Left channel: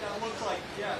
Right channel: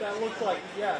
That looks like, yeah.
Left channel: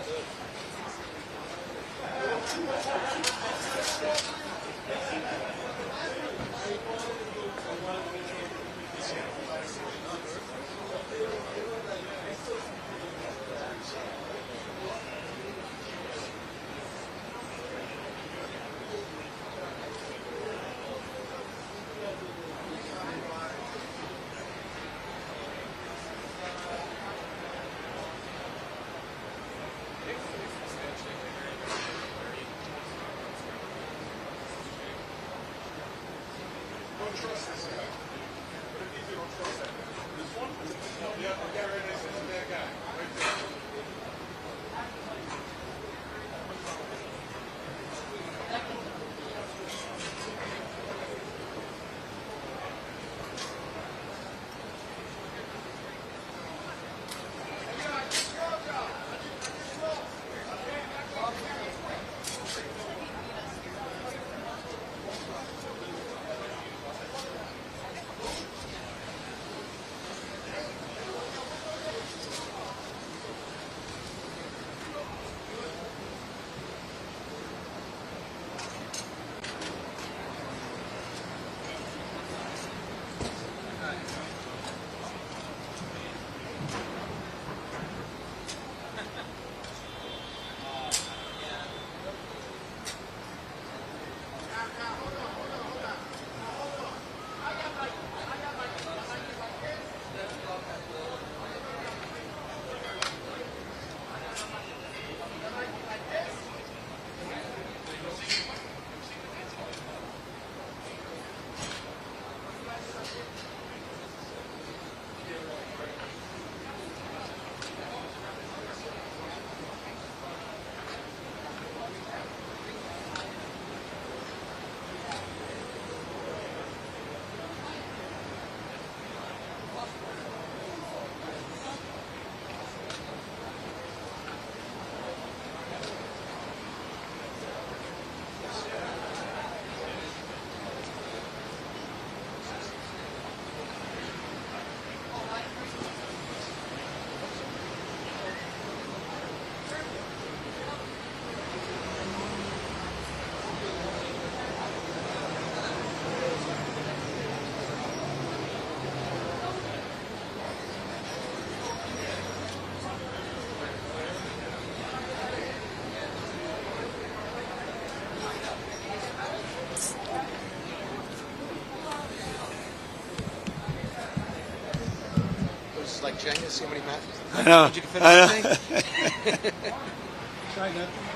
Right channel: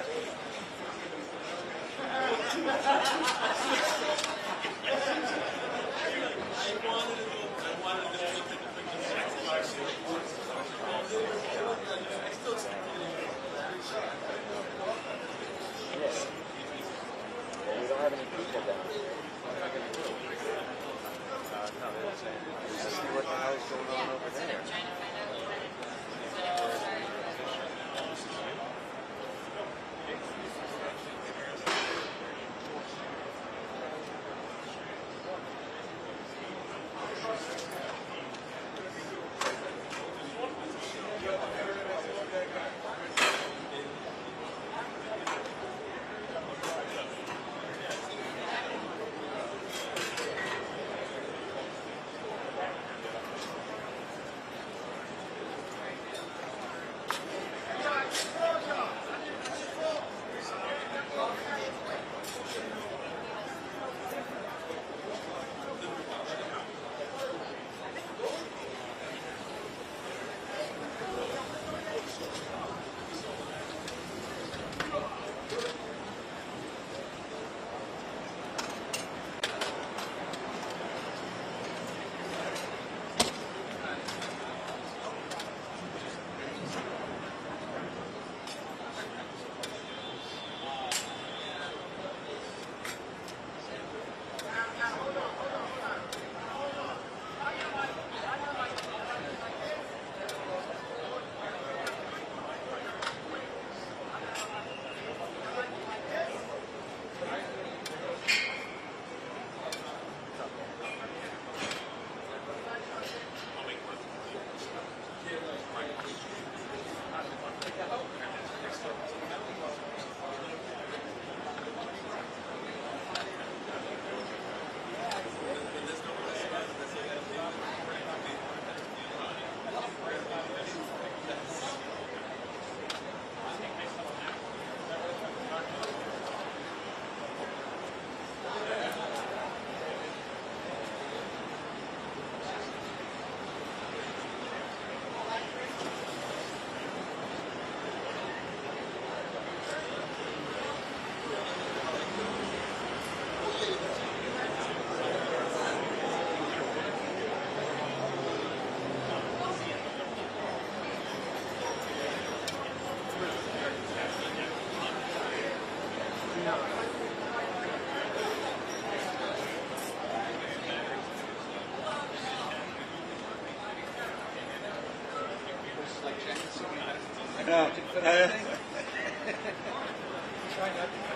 Like checking to see what he meant. I know. Did you fit everything? Try not to.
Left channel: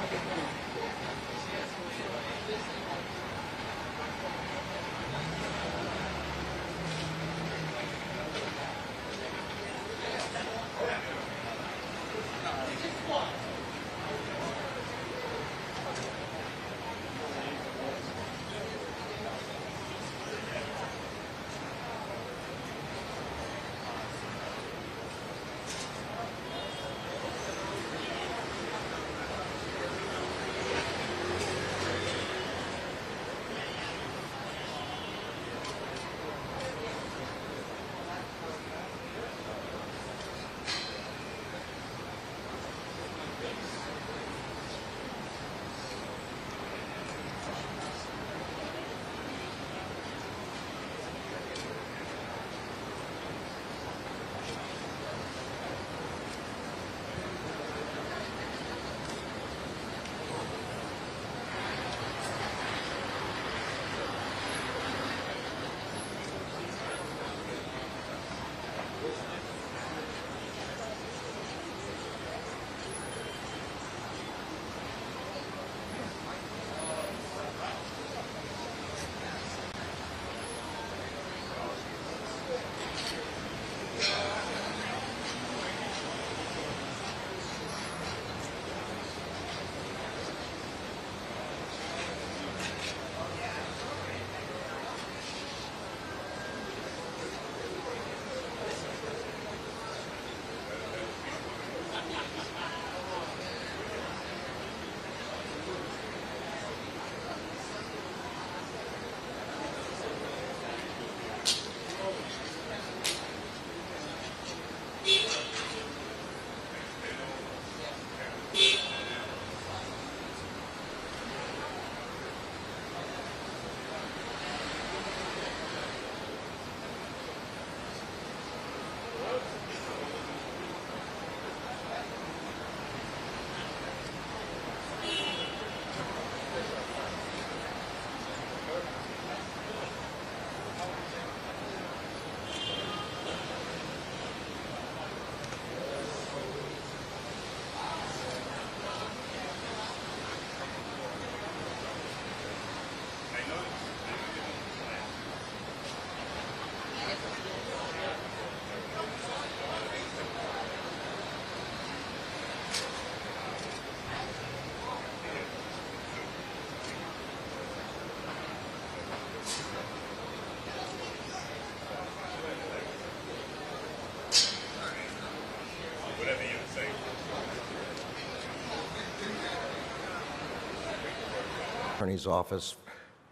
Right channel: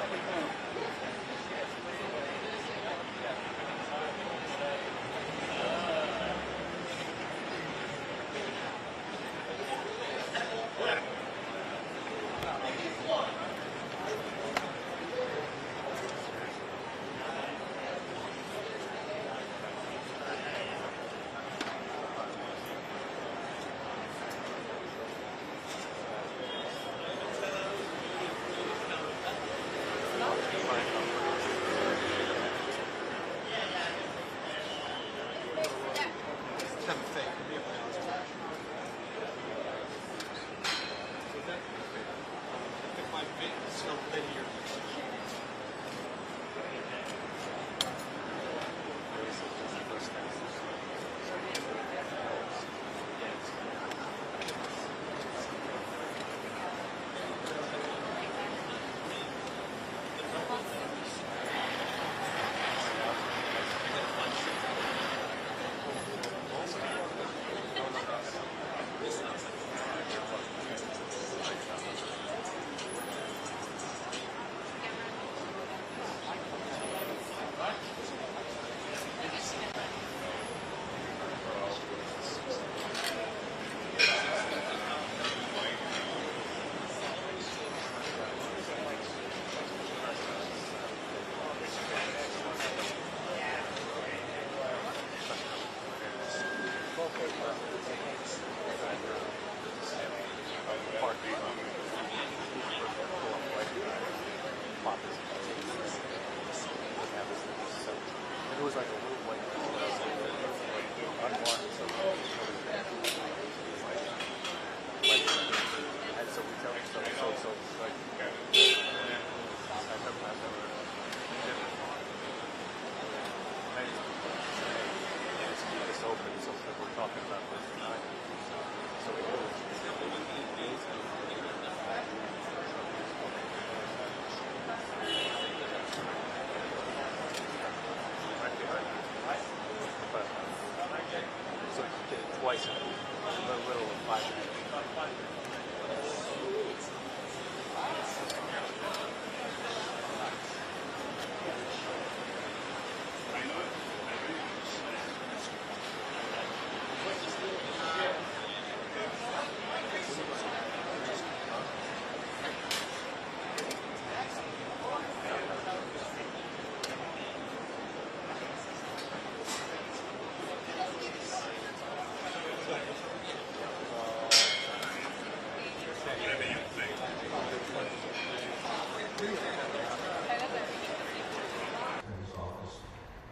Attorney's Office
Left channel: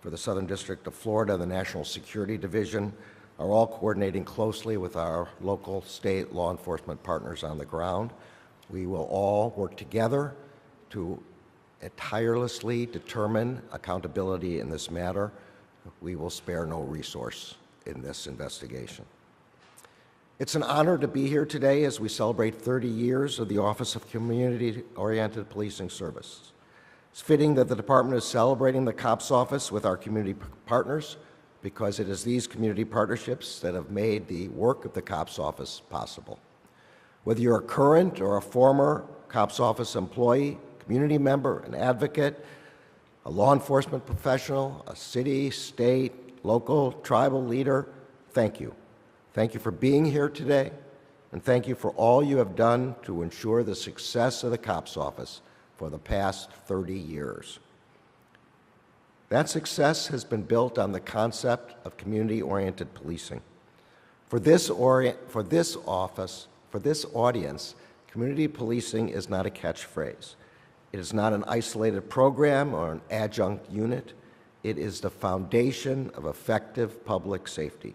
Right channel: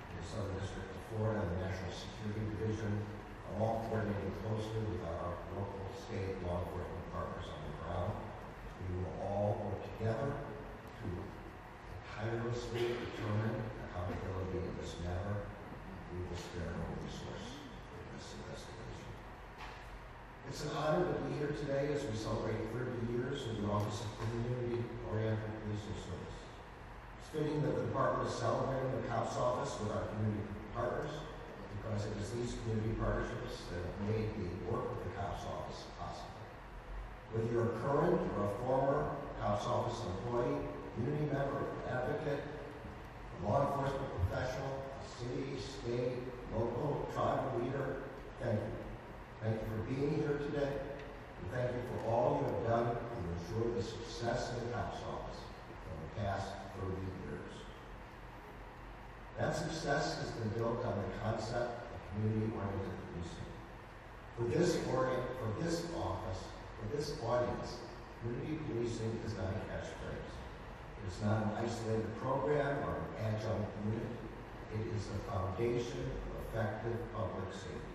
for the Southern District of Florida, the National Security Division, are all coordinating closely with our local state law enforcement partners on the ground. We will all work together to tirelessly determine accountability in this matter. We will spare no resource in this investigation. It's an honor to be here today as we celebrate 30 years of the Office of Community-Oriented Policing Service. It's fitting that the department is celebrating the COPS office with our community partners, because it is these community partnerships that have made the work of the COPS office possible. Whether you're a current or a former COPS office employee, community member, an advocate, a law enforcement professional, a city, state, local, tribal leader, thank you. Thank you for being here today, and thank you for all you have done to ensure the success of the COPS office for the past 30 years. That success has been built on the concept of community-oriented policing. For this audience, community policing is not a catchphrase. It is not an isolated program or an adjunct unit. It is the foundation of effective public safety.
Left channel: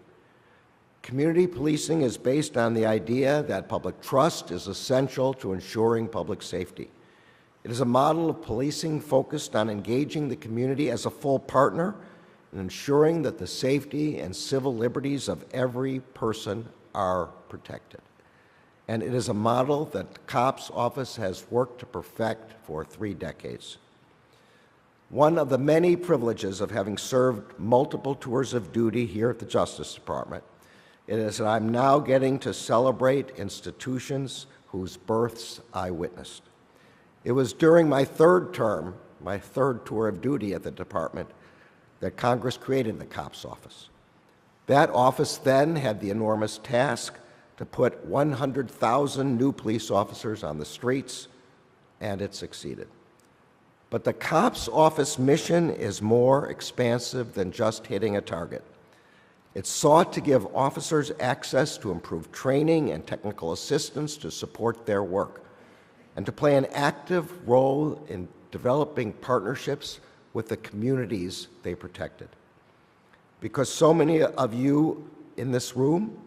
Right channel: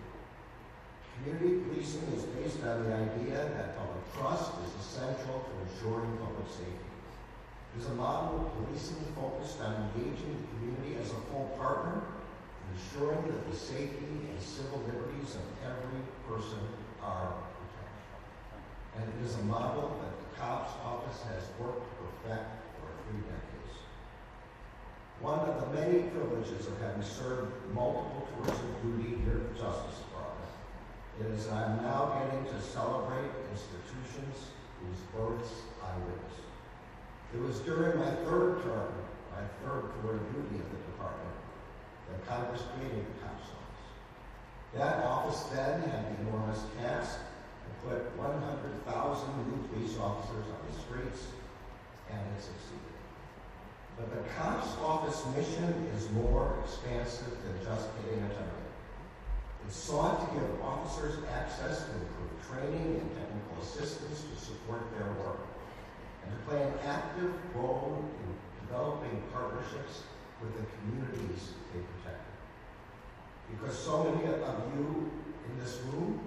Community policing is based on the idea that public trust is essential to ensuring public safety. It is a model of policing focused on engaging the community as a full partner and ensuring that the safety and civil liberties of every person are protected. And it is a model that the COPS office has worked to perfect for 3 decades. One of the many privileges of having served multiple tours of duty here at the Justice Department is that I'm now getting to celebrate institutions whose births I witnessed. It was during my third term, my third tour of duty at the department, that Congress created the COPS office. That office then had the enormous task to put 100,000 new police officers on the streets, and it succeeded. But the COPS office mission is more expansive than just hitting a target. It sought to give officers access to improved training and technical assistance to support their work, and to play an active role in developing partnerships with the communities they protected. Because so many of you in this room,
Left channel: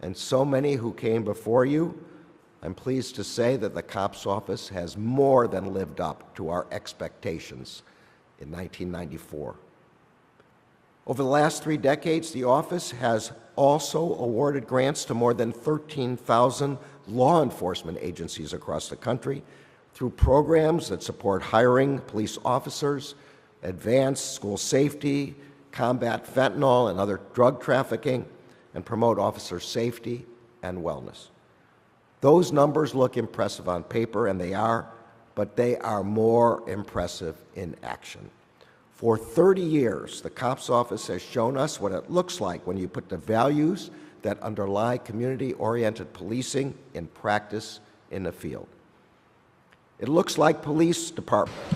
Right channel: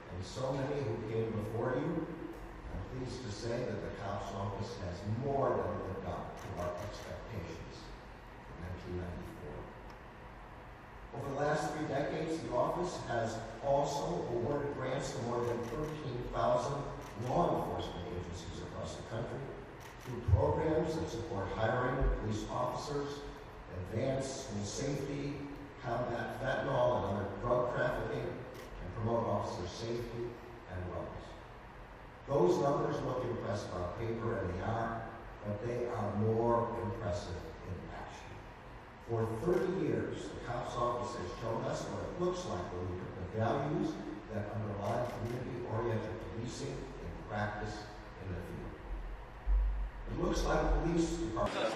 and so many who came before you, I'm pleased to say that the COPS office has more than lived up to our expectations in 1994. Over the last 3 decades, the office has also awarded grants to more than 13,000 law enforcement agencies across the country through programs that support hiring police officers, advance school safety, combat fentanyl and other drug trafficking, and promote officer safety and wellness. Those numbers look impressive on paper, and they are, but they are more impressive in action. For 30 years, the COPS office has shown us what it looks like when you put the values that underlie community-oriented policing in practice in the field. It looks like police departments.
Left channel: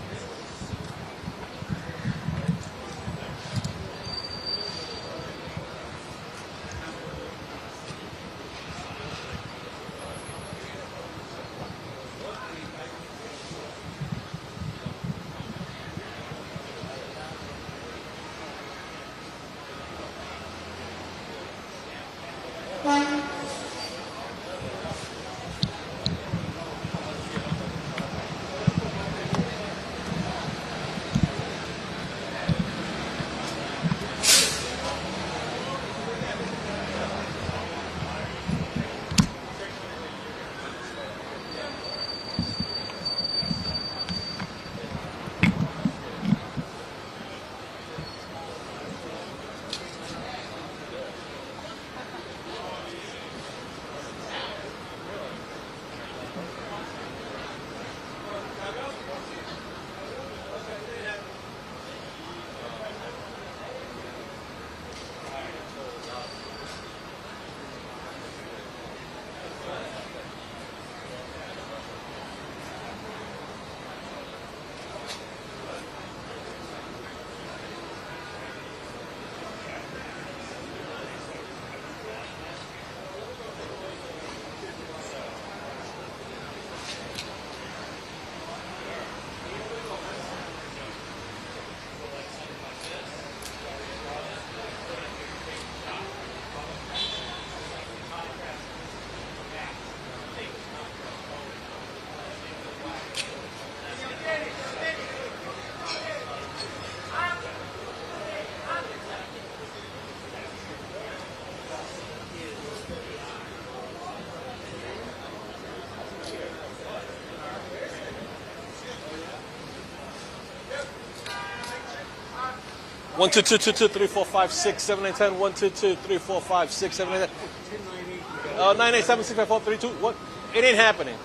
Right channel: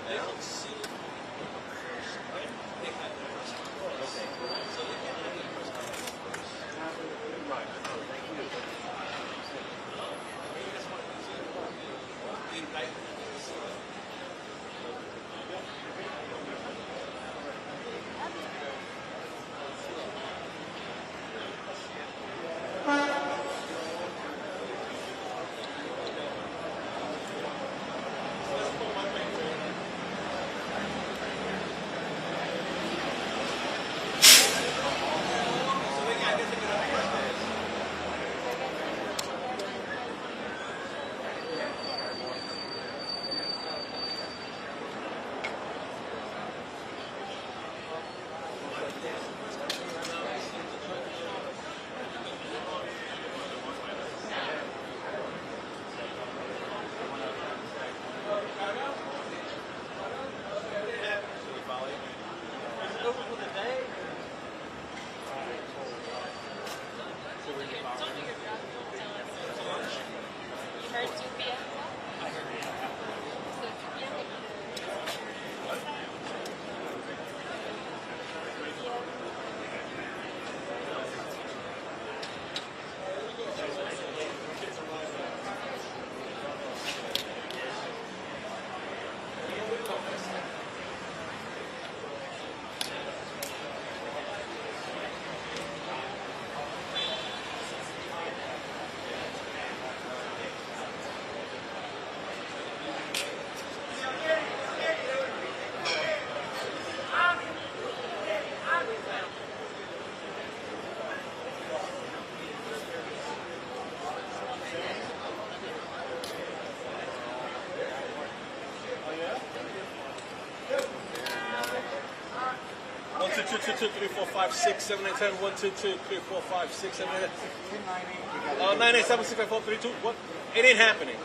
1, 2, 2, 2, 2, 3, 4, 5, 6, 7, 8, 10. 1, 2, 2, 3, 4, 5, 6, 7, 8, 10. 9, 8, 7, 6, 5, 4, 3, 2. What? It ain't happening.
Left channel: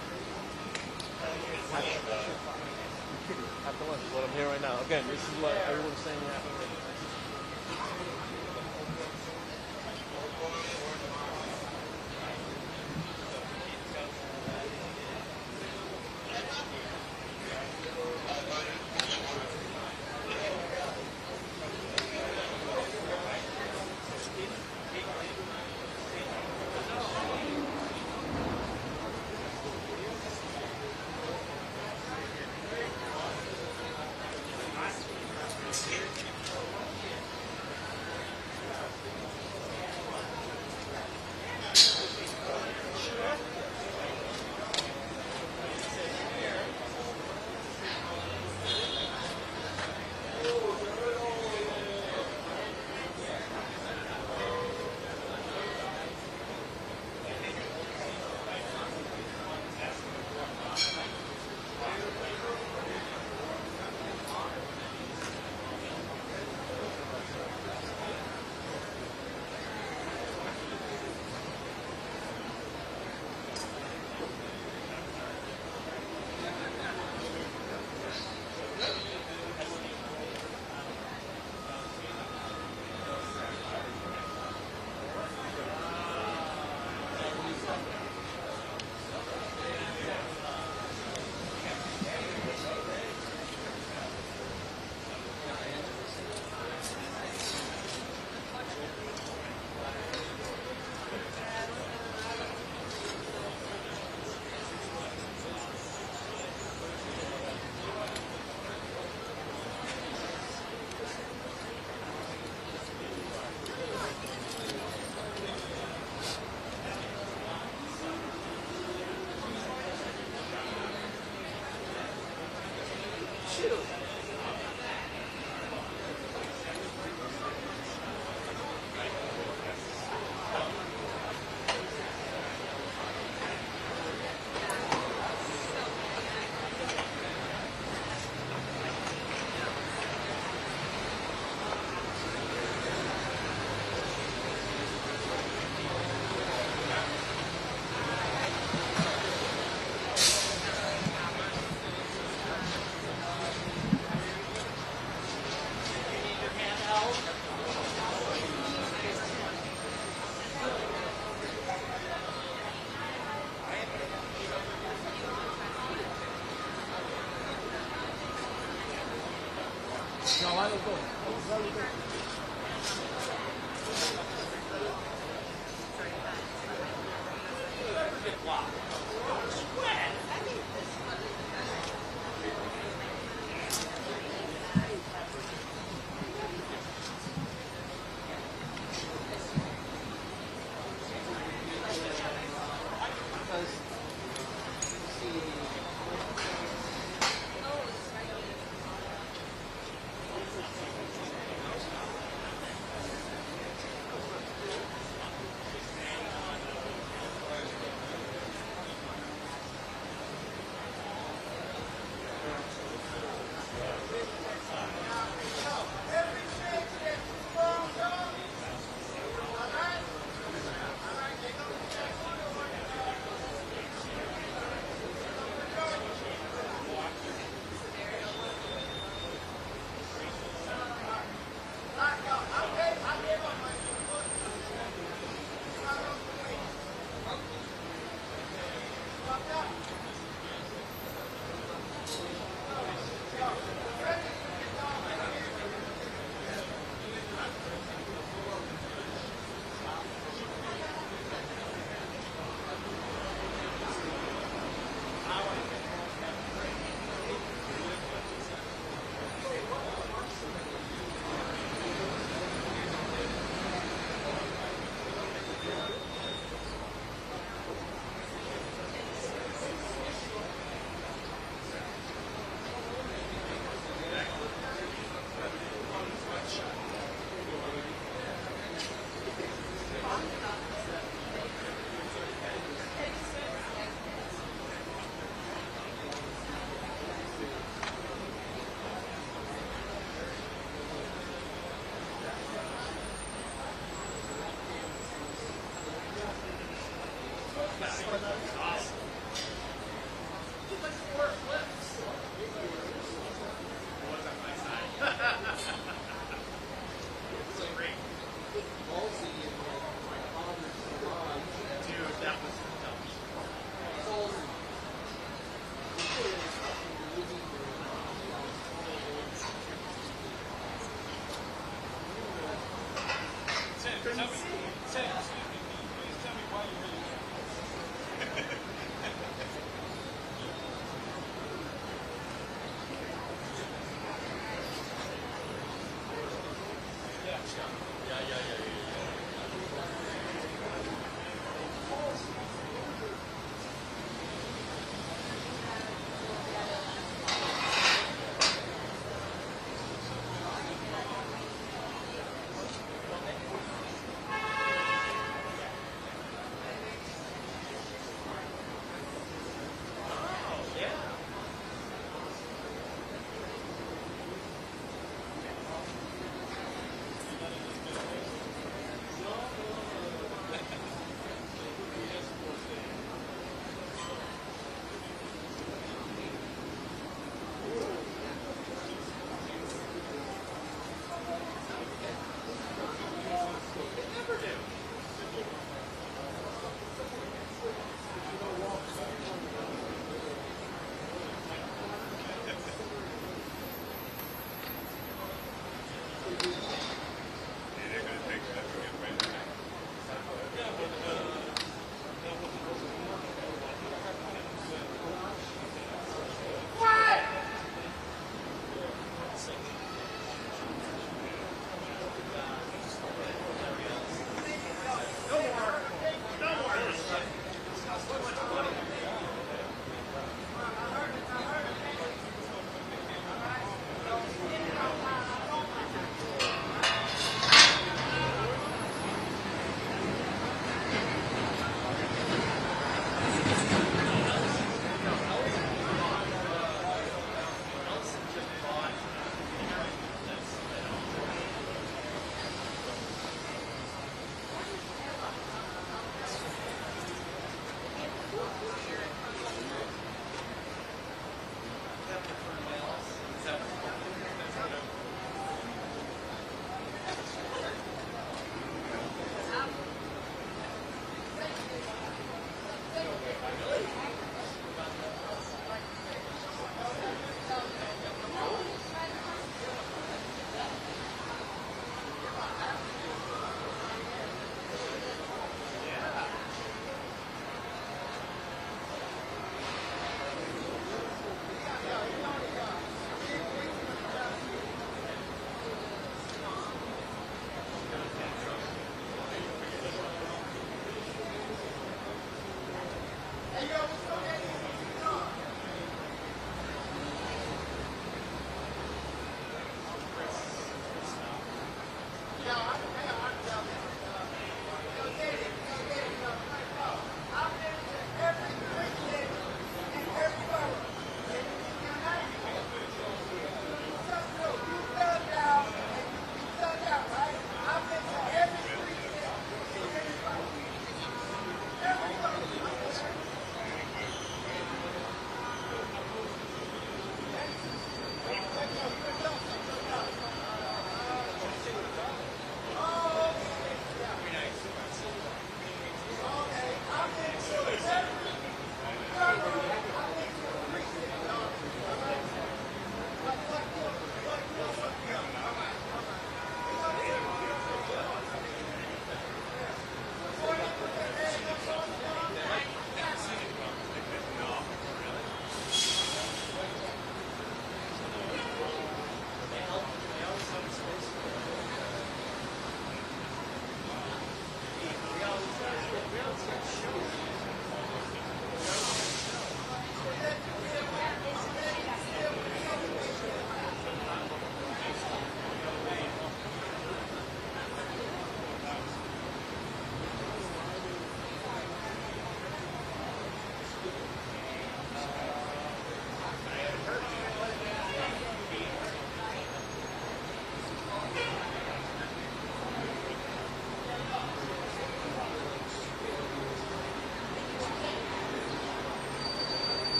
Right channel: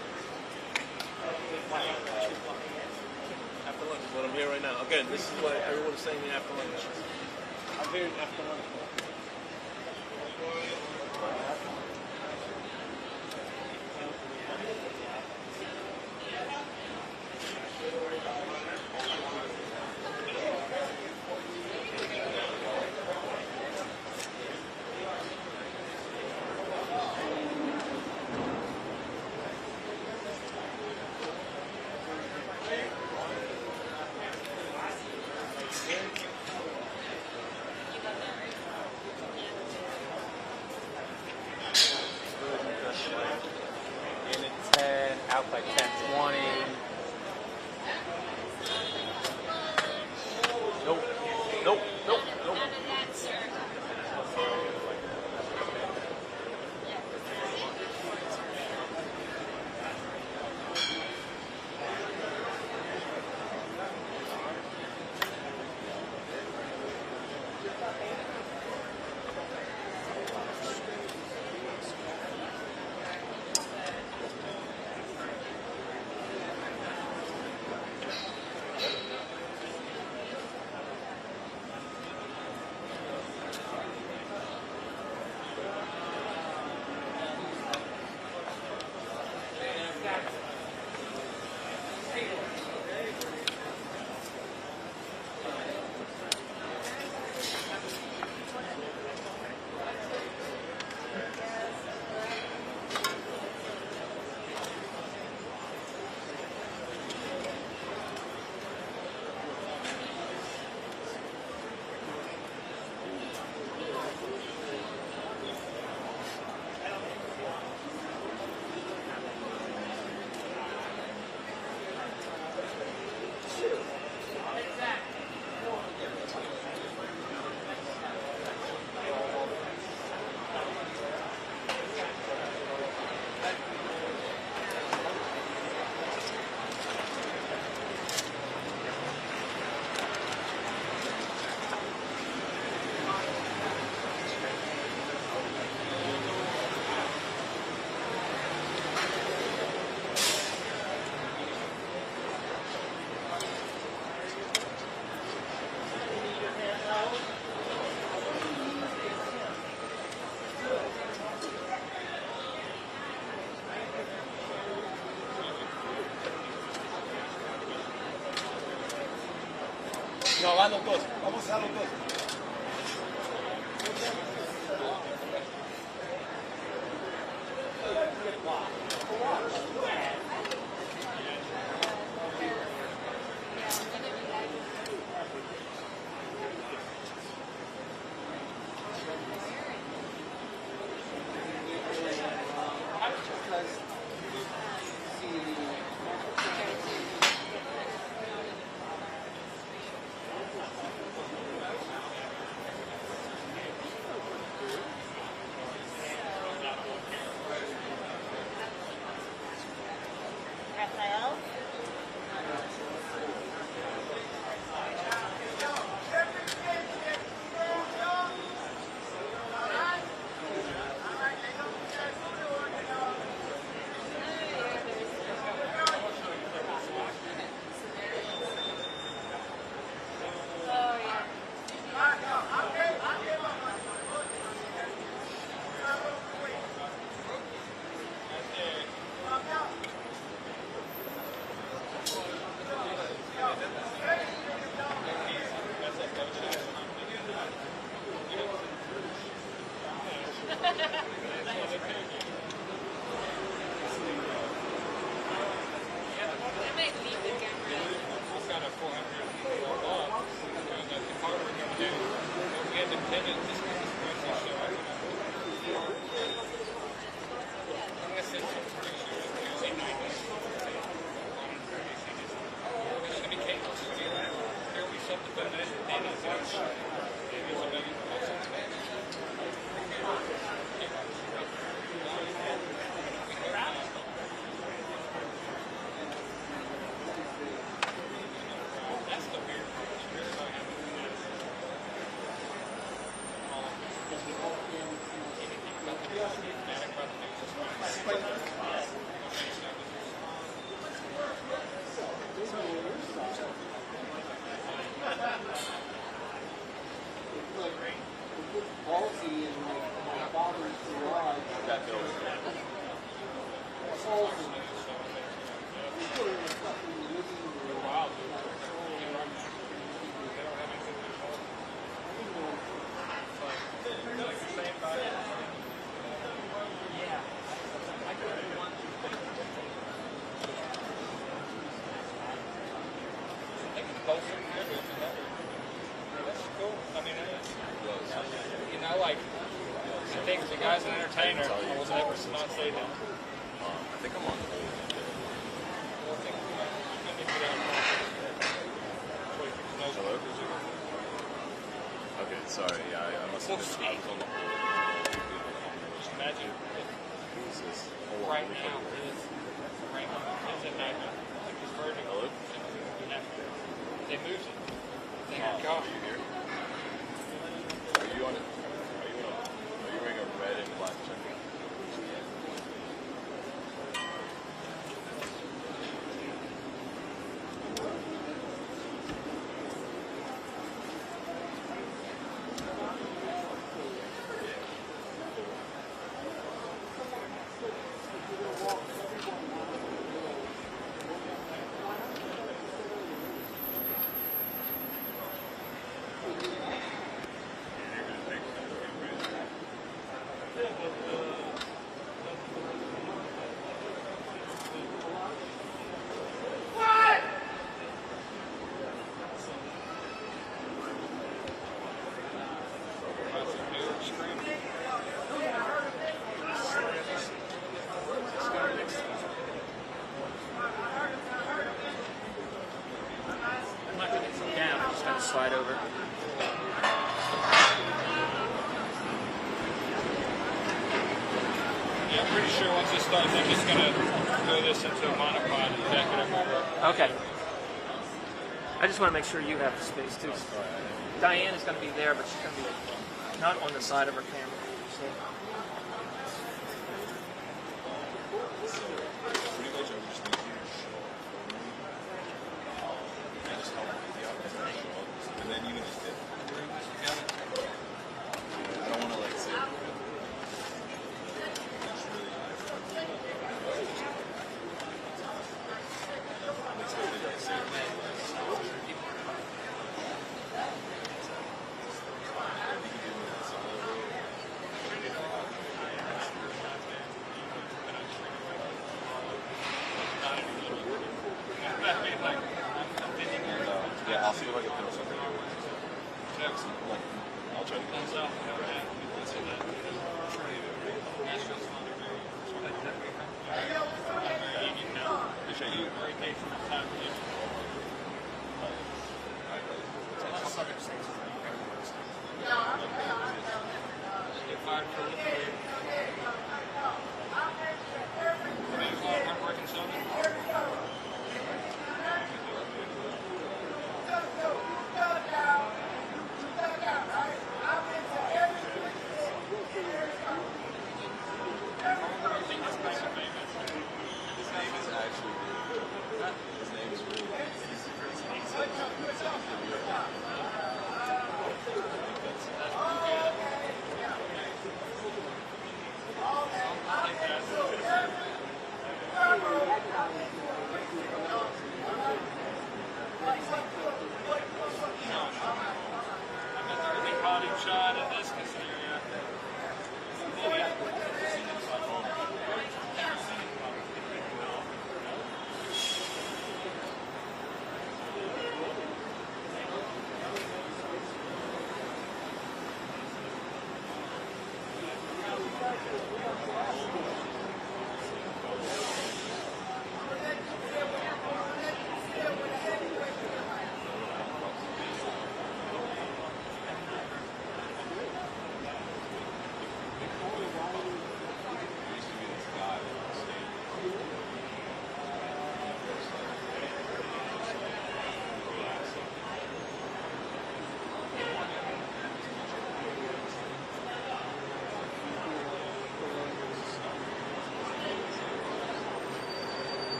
After lunch is what I'm hearing right now. Again, this is what everyone's saying after lunch. I'm hearing after lunch. Nope. Nope. Nope. Nope. No, va los dos. Vamos a los dos. sure once this starts, I'm just going to throw this into a monopod and back it up. Okay. I just want to make sure you have the space too. Diane is going to be there, but she's going to be not on the side of her camera.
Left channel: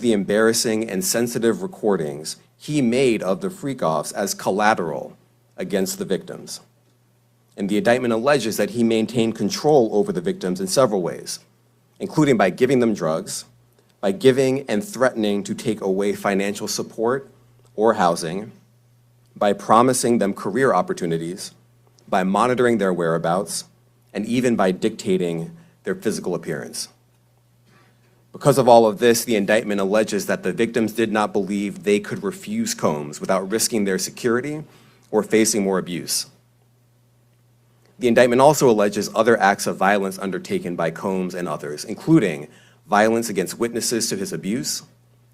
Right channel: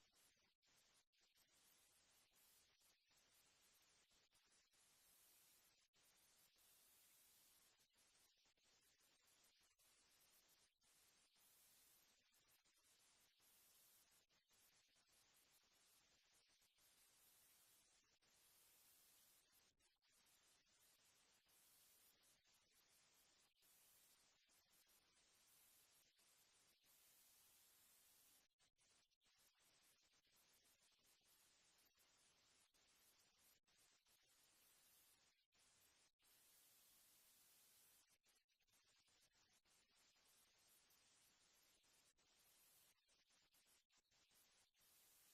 the embarrassing and sensitive recordings he made of the freak-offs as collateral against the victims. And the indictment alleges that he maintained control over the victims in several ways, including by giving them drugs, by giving and threatening to take away financial support or housing, by promising them career opportunities, by monitoring their whereabouts, and even by dictating their physical appearance. Because of all of this, the indictment alleges that the victims did not believe they could refuse Combs without risking their security or facing more abuse. The indictment also alleges other acts of violence undertaken by Combs and others, including violence against witnesses to his abuse,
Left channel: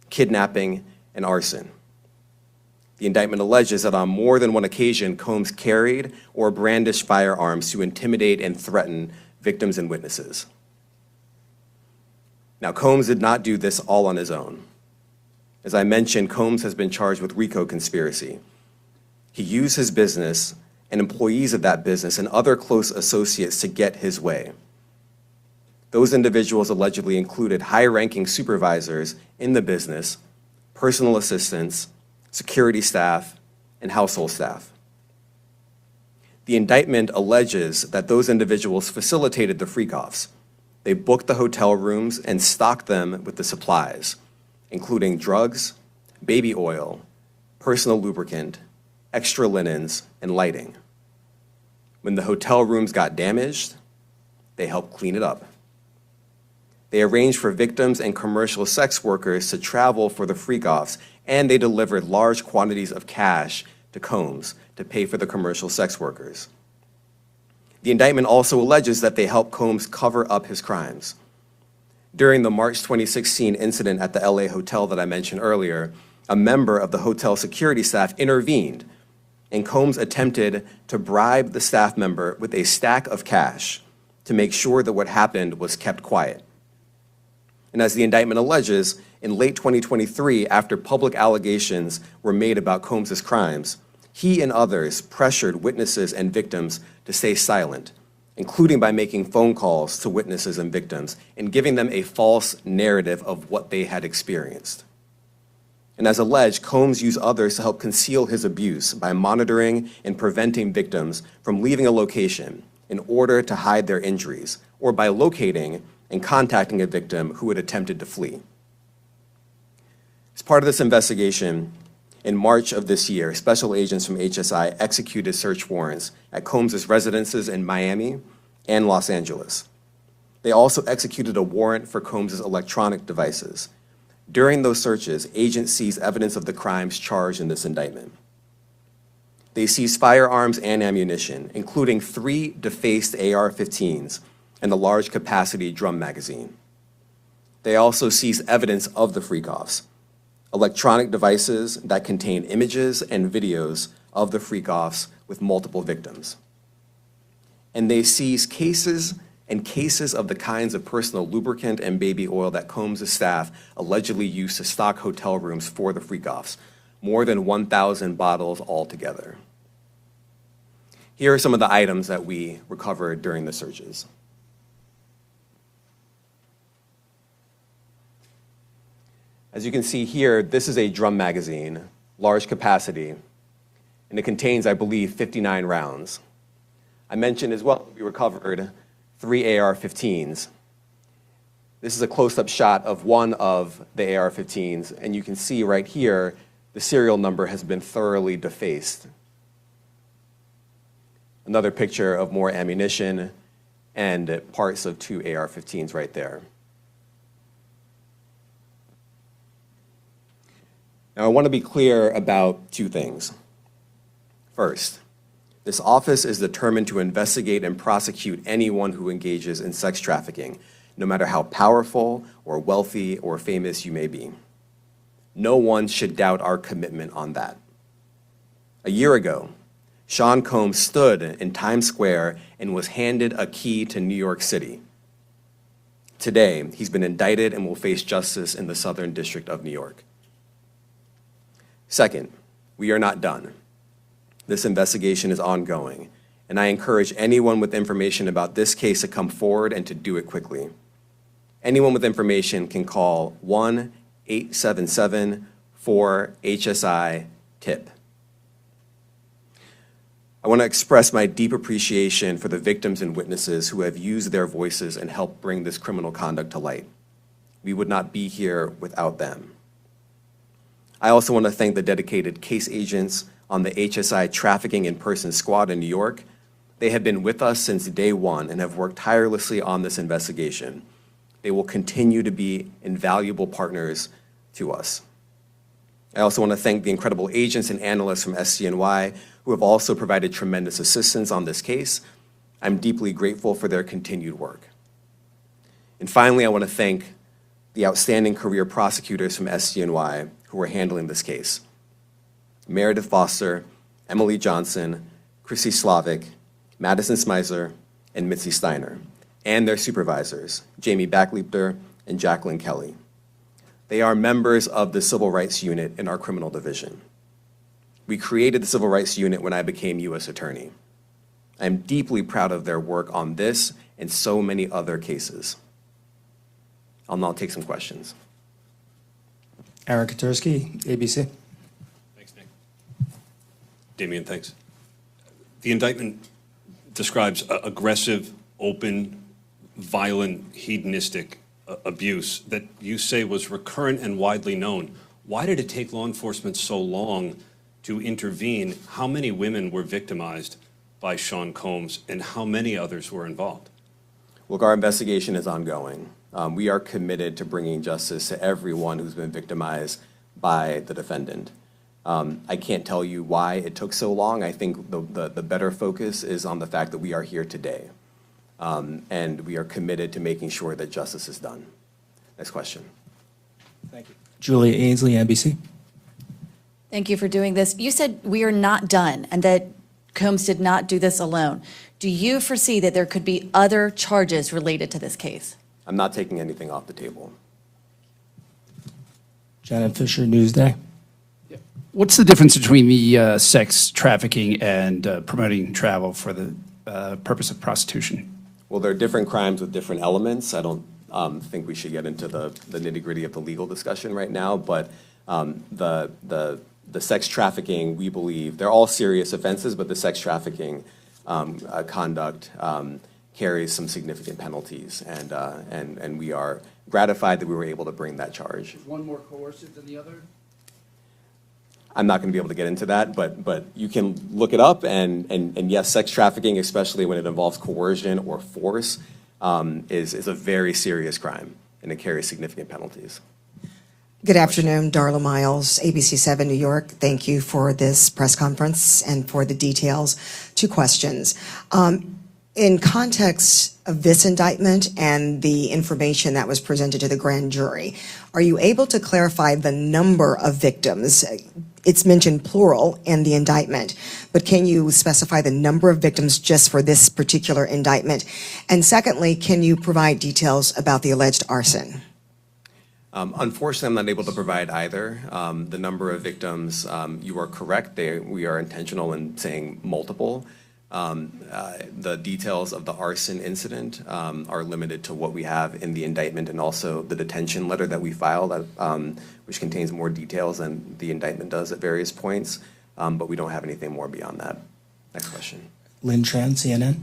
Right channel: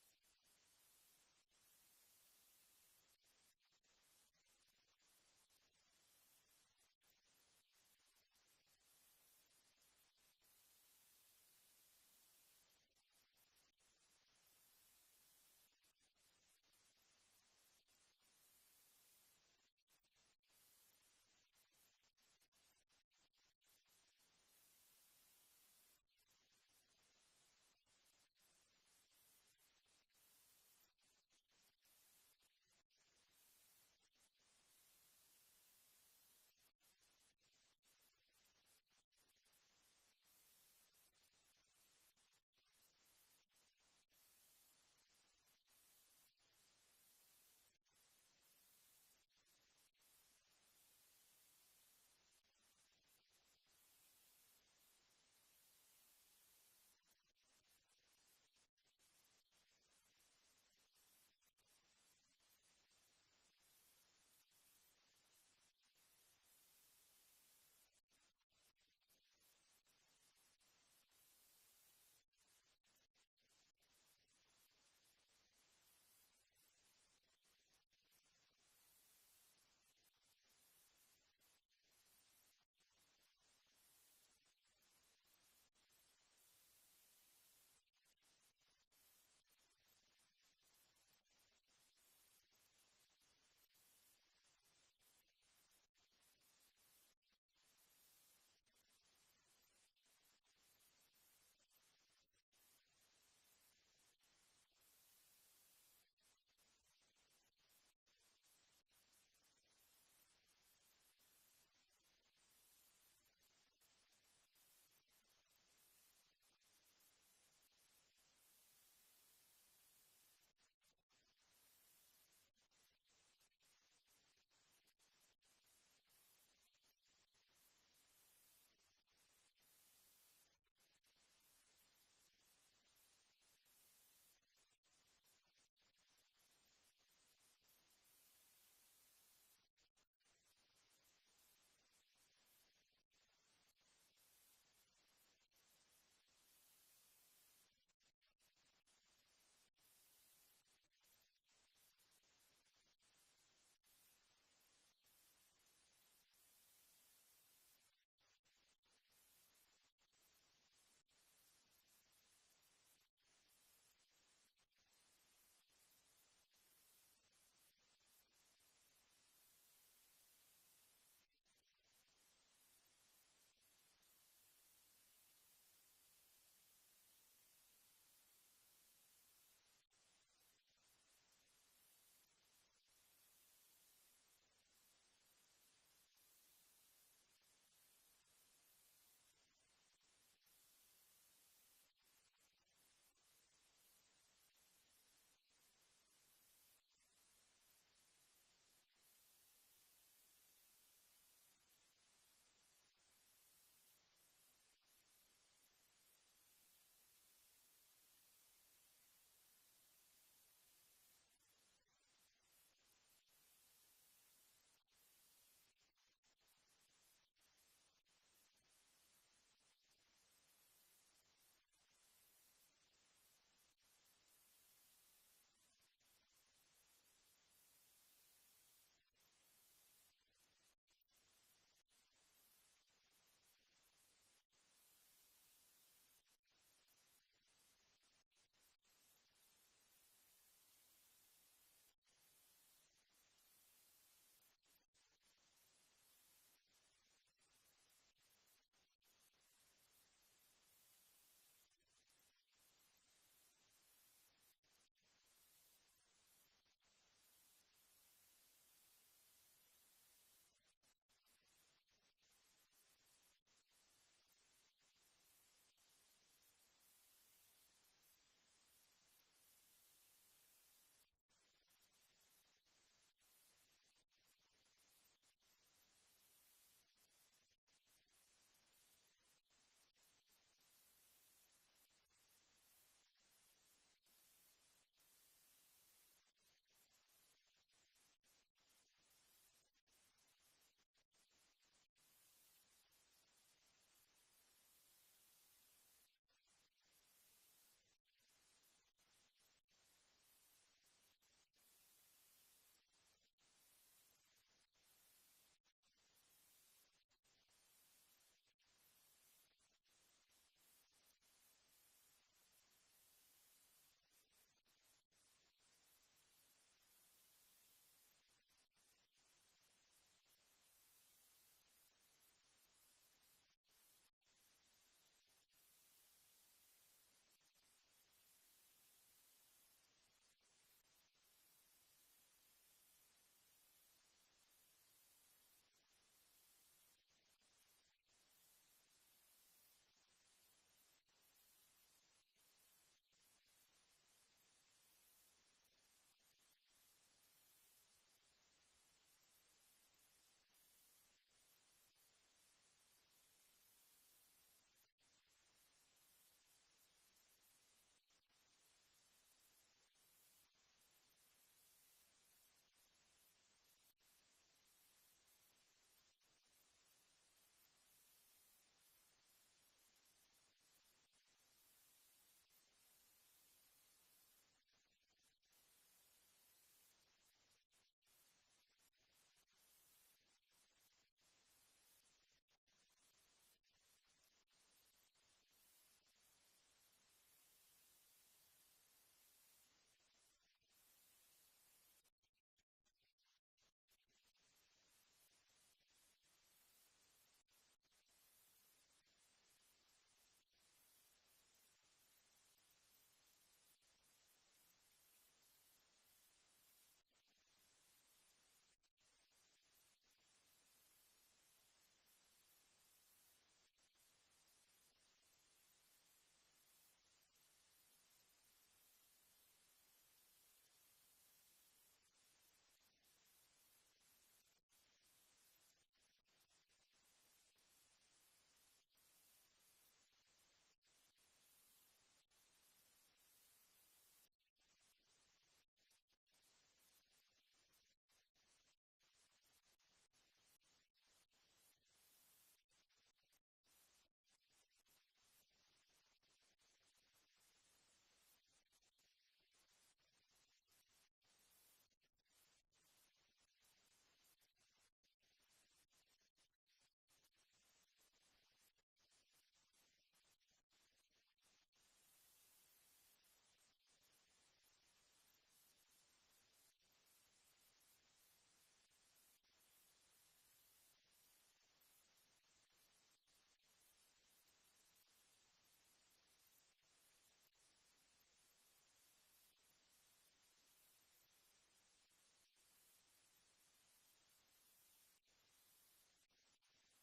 kidnapping, and arson. The indictment alleges that on more than one occasion, Combs carried or brandished firearms to intimidate and threaten victims and witnesses. Now, Combs did not do this all on his own. As I mentioned, Combs has been charged with RICO conspiracy. He used his business and employees of that business and other close associates to get his way. Those individuals allegedly included high-ranking supervisors in the business, personal assistants, security staff, and household staff. The indictment alleges that those individuals facilitated the freak-offs. They booked the hotel rooms and stocked them with the supplies, including drugs, baby oil, personal lubricant, extra linens, and lighting. When the hotel rooms got damaged, they helped clean it up. They arranged for victims and commercial sex workers to travel for the freak-offs, and they delivered large quantities of cash to Combs to pay for the commercial sex workers. The indictment also alleges that they helped Combs cover up his crimes. During the March 2016 incident at the LA hotel that I mentioned earlier, a member of the hotel security staff intervened, and Combs attempted to bribe the staff member with a stack of cash to make sure that what happened was kept quiet. And as the indictment alleges, in late 2023, after public allegations were made about Combs' crimes, he and others pressured witnesses and victims to stay silent, including by making phone calls to witnesses and victims and giving them a false narrative of what they had experienced. And as alleged, Combs used others to help conceal his abuse by monitoring and preventing victims from leaving a location in order to hide their injuries, or by locating and contacting a victim who had attempted to flee. As part of this investigation, in March of this year, special agents from HSI executed search warrants at Combs' residences in Miami and Los Angeles. They also executed a warrant for Combs' electronic devices. During those searches, agents seized evidence of the crimes charged in this indictment. They seized firearms and ammunition, including 3 defaced AR-15s and a large capacity drum magazine. They also seized evidence of the freak-offs, electronic devices that contain images and videos of the freak-offs with multiple victims. And they seized cases and cases of the kinds of personal lubricant and baby oil that Combs' staff allegedly used to stock hotel rooms for the freak-offs, more than 1,000 bottles altogether. Here are some of the items that we recovered during the searches. As you can see here, this is a drum magazine, large capacity, and it contains, I believe, 59 rounds. I mentioned as well, we recovered 3 AR-15s. This is a close-up shot of one of the AR-15s, and you can see right here, the serial number has been thoroughly defaced. Another picture of more ammunition and parts of 2 AR-15s right there. Now, I want to be clear about 2 things. First, this office is determined to investigate and prosecute anyone who engages in sex trafficking, no matter how powerful or wealthy or famous you may be. No one should doubt our commitment on that. A year ago, Sean Combs stood in Times Square and was handed a key to New York City. Today, he's been indicted and will face justice in the Southern District of New York. Second, we are not done. This investigation is ongoing, and I encourage anyone with information about this case to come forward and to do it quickly. Anyone with information can call 877-4HSI-TIP. I want to express my deep appreciation for the victims and witnesses who have used their voices and helped bring this criminal conduct to light. We would not be here without them. I also want to thank the dedicated case agents on the HSI Trafficking in Person Squad in New York. They have been with us since day one and have worked tirelessly on this investigation. They will continue to be invaluable partners to us. I also want to thank the incredible agents and analysts from SCNY who have also provided tremendous assistance on this case. I'm deeply grateful for their continued work. And finally, I want to thank the outstanding career prosecutors from SCNY who are handling this case. Meredith Foster, Emily Johnson, Chrissy Slavic, Madison Smizer, and Mitzi Steiner, and their supervisors, Jamie Backleepter and Jacqueline Kelly. They are members of the Civil Rights Unit in our criminal division. We created the Civil Rights Unit when I became U.S. Attorney. I'm deeply proud of their work on this and so many other cases. I'll now take some questions. Aaron Katursky, ABC. Thanks, Nick. Damian, thanks. The indictment describes aggressive, open, violent, hedonistic abuse that you say was recurrent and widely known. Why did it take law enforcement so long to intervene? How many women were victimized by Sean Combs, and how many others were involved? Look, our investigation is ongoing. We are committed to bringing justice to everyone who's been victimized by the defendant. I can't tell you why it took so long. I think the better focus is on the fact that we are here today. And we are committed to making sure that justice is done. Next question. Thank you. Julia Ainsley, NBC. Thank you for doing this. You said we are not done and that Combs did not do this alone. Do you foresee that there could be other charges related to this case? I'm not taking anything off the table. Janet Fisher, Newsday. What's the difference between the sex trafficking and promoting travel for the purpose of prostitution? Well, there are different crimes with different elements. I don't think we should get into the nitty-gritty of the legal discussion right now, but the sex trafficking, we believe, they're all serious offenses, but the sex trafficking conduct carries some significant penalties, and we are gratified that we were able to bring that charge. Is one more coercive than the other? I'm not going to be able to get into that, but you can look it up, and yes, sex trafficking, especially when it involves coercion or force, is a very serious crime, and it carries significant penalties. Good afternoon, Darla Miles, ABC 7 New York. Thank you for this press conference and for the details. 2 questions. In context of this indictment and the information that was presented to the grand jury, are you able to clarify the number of victims? It's mentioned plural in the indictment, but can you specify the number of victims just for this particular indictment? And secondly, can you provide details about the alleged arson? Unfortunately, I'm not able to provide either. The number of victims, you are correct. We are intentional in saying multiple. The details of the arson incident are limited to what we have in the indictment and also the detention letter that we filed, which contains more details than the indictment does at various points, but we don't have anything more beyond that. Next question. Lynn Tran, CNN.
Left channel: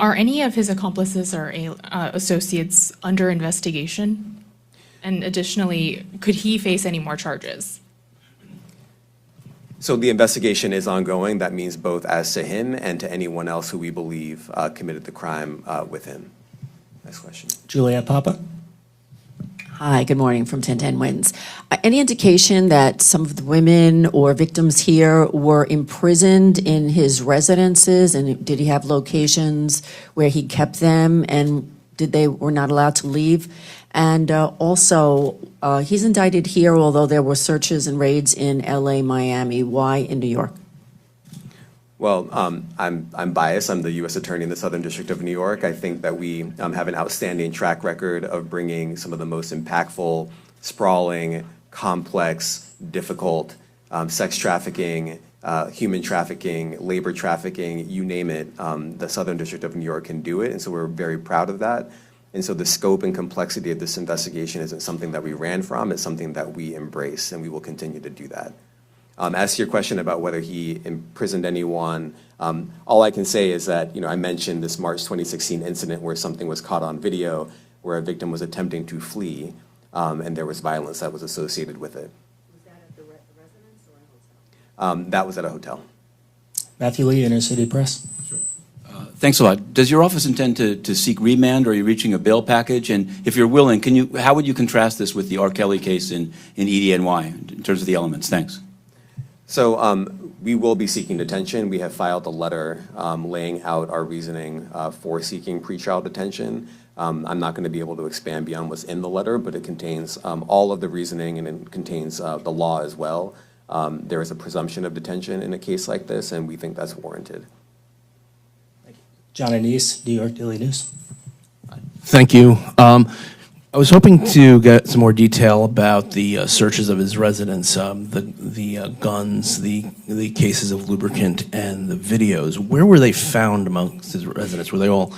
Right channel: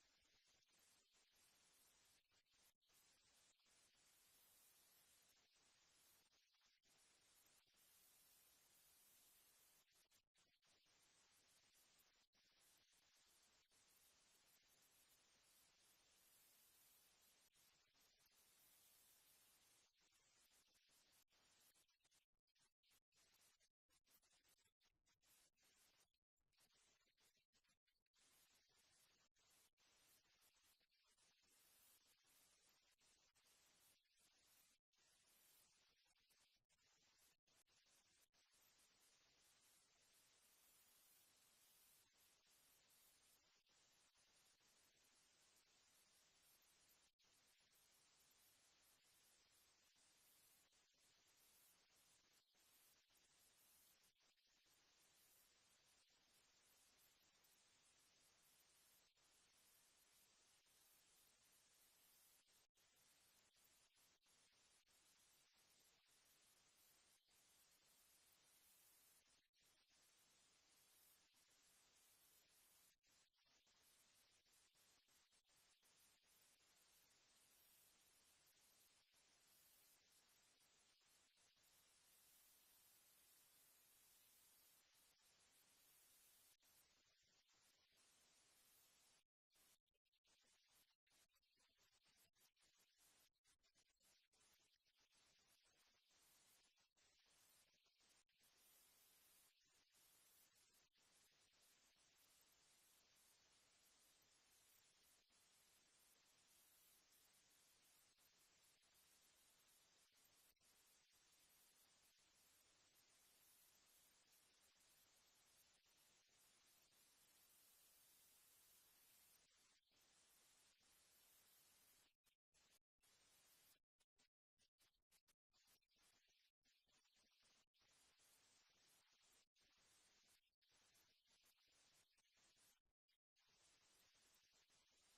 Are any of his accomplices or associates under investigation? And additionally, could he face any more charges? So the investigation is ongoing. That means both as to him and to anyone else who we believe committed the crime with him. Next question. Juliette Papa. Hi, good morning from 1010 Wins. Any indication that some of the women or victims here were imprisoned in his residences, and did he have locations where he kept them, and were not allowed to leave? And also, he's indicted here, although there were searches and raids in LA, Miami. Why in New York? Well, I'm biased. I'm the U.S. Attorney in the Southern District of New York. I think that we have an outstanding track record of bringing some of the most impactful, sprawling, complex, difficult sex trafficking, human trafficking, labor trafficking, you name it. The Southern District of New York can do it, and so we're very proud of that. And so the scope and complexity of this investigation isn't something that we ran from, it's something that we embrace, and we will continue to do that. As to your question about whether he imprisoned anyone, all I can say is that, I mentioned this March 2016 incident where something was caught on video, where a victim was attempting to flee, and there was violence that was associated with it. Was that at the residence or a hotel? That was at a hotel. Matthew Lee, Inner City Press. Thanks a lot. Does your office intend to seek remand, or are you reaching a bail package? And if you're willing, how would you contrast this with the R. Kelly case in EDNY in terms of the elements? Thanks. So we will be seeking detention. We have filed a letter laying out our reasoning for seeking pretrial detention. I'm not going to be able to expand beyond what's in the letter, but it contains all of the reasoning, and it contains the law as well. There is a presumption of detention in a case like this, and we think that's warranted. John Anise, New York Daily News. Thank you. I was hoping to get some more detail about the searches of his residence, the guns, the cases of lubricant, and the videos. Where were they found amongst his residence? Were they all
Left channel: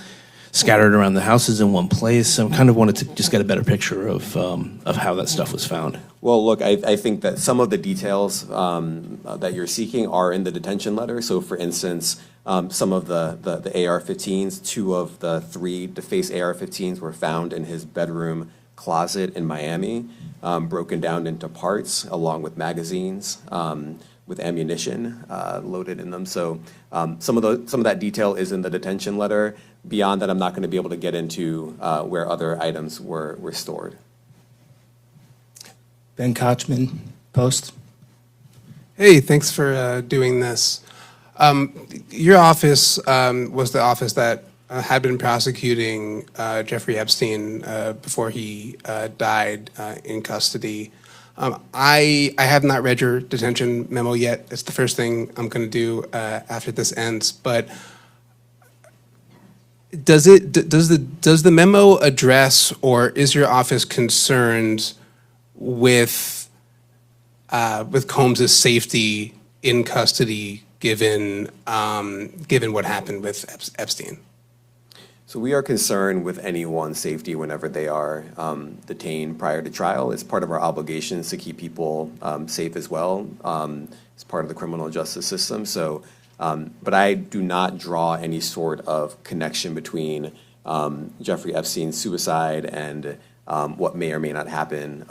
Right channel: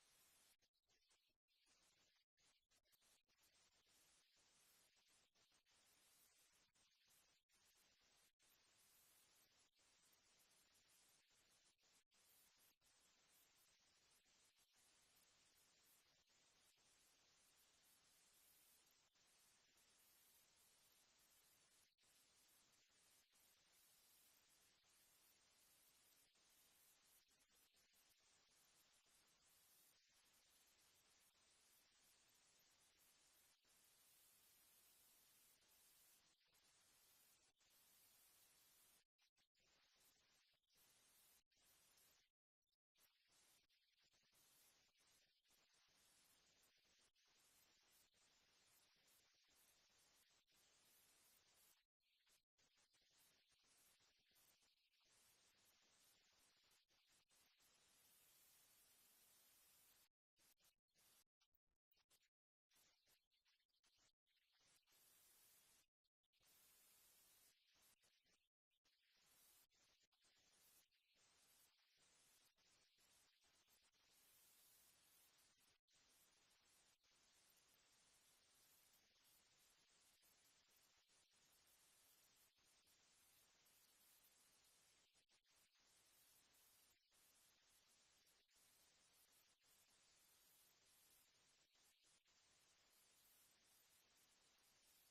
scattered around the houses in one place? I kind of wanted to just get a better picture of how that stuff was found. Well, look, I think that some of the details that you're seeking are in the detention letter. So, for instance, some of the AR-15s, 2 of the 3 defaced AR-15s were found in his bedroom closet in Miami, broken down into parts along with magazines with ammunition loaded in them. So some of that detail is in the detention letter. Beyond that, I'm not going to be able to get into where other items were stored. Ben Kochman, Post. Hey, thanks for doing this. Your office was the office that had been prosecuting Jeffrey Epstein before he died in custody. I have not read your detention memo yet. It's the first thing I'm going to do after this ends. But does the memo address, or is your office concerned with Combs' safety in custody, given what happened with Epstein? So we are concerned with anyone's safety whenever they are detained prior to trial. It's part of our obligations to keep people safe as well. It's part of the criminal justice system. So, but I do not draw any sort of connection between Jeffrey Epstein's suicide and what may or may not happen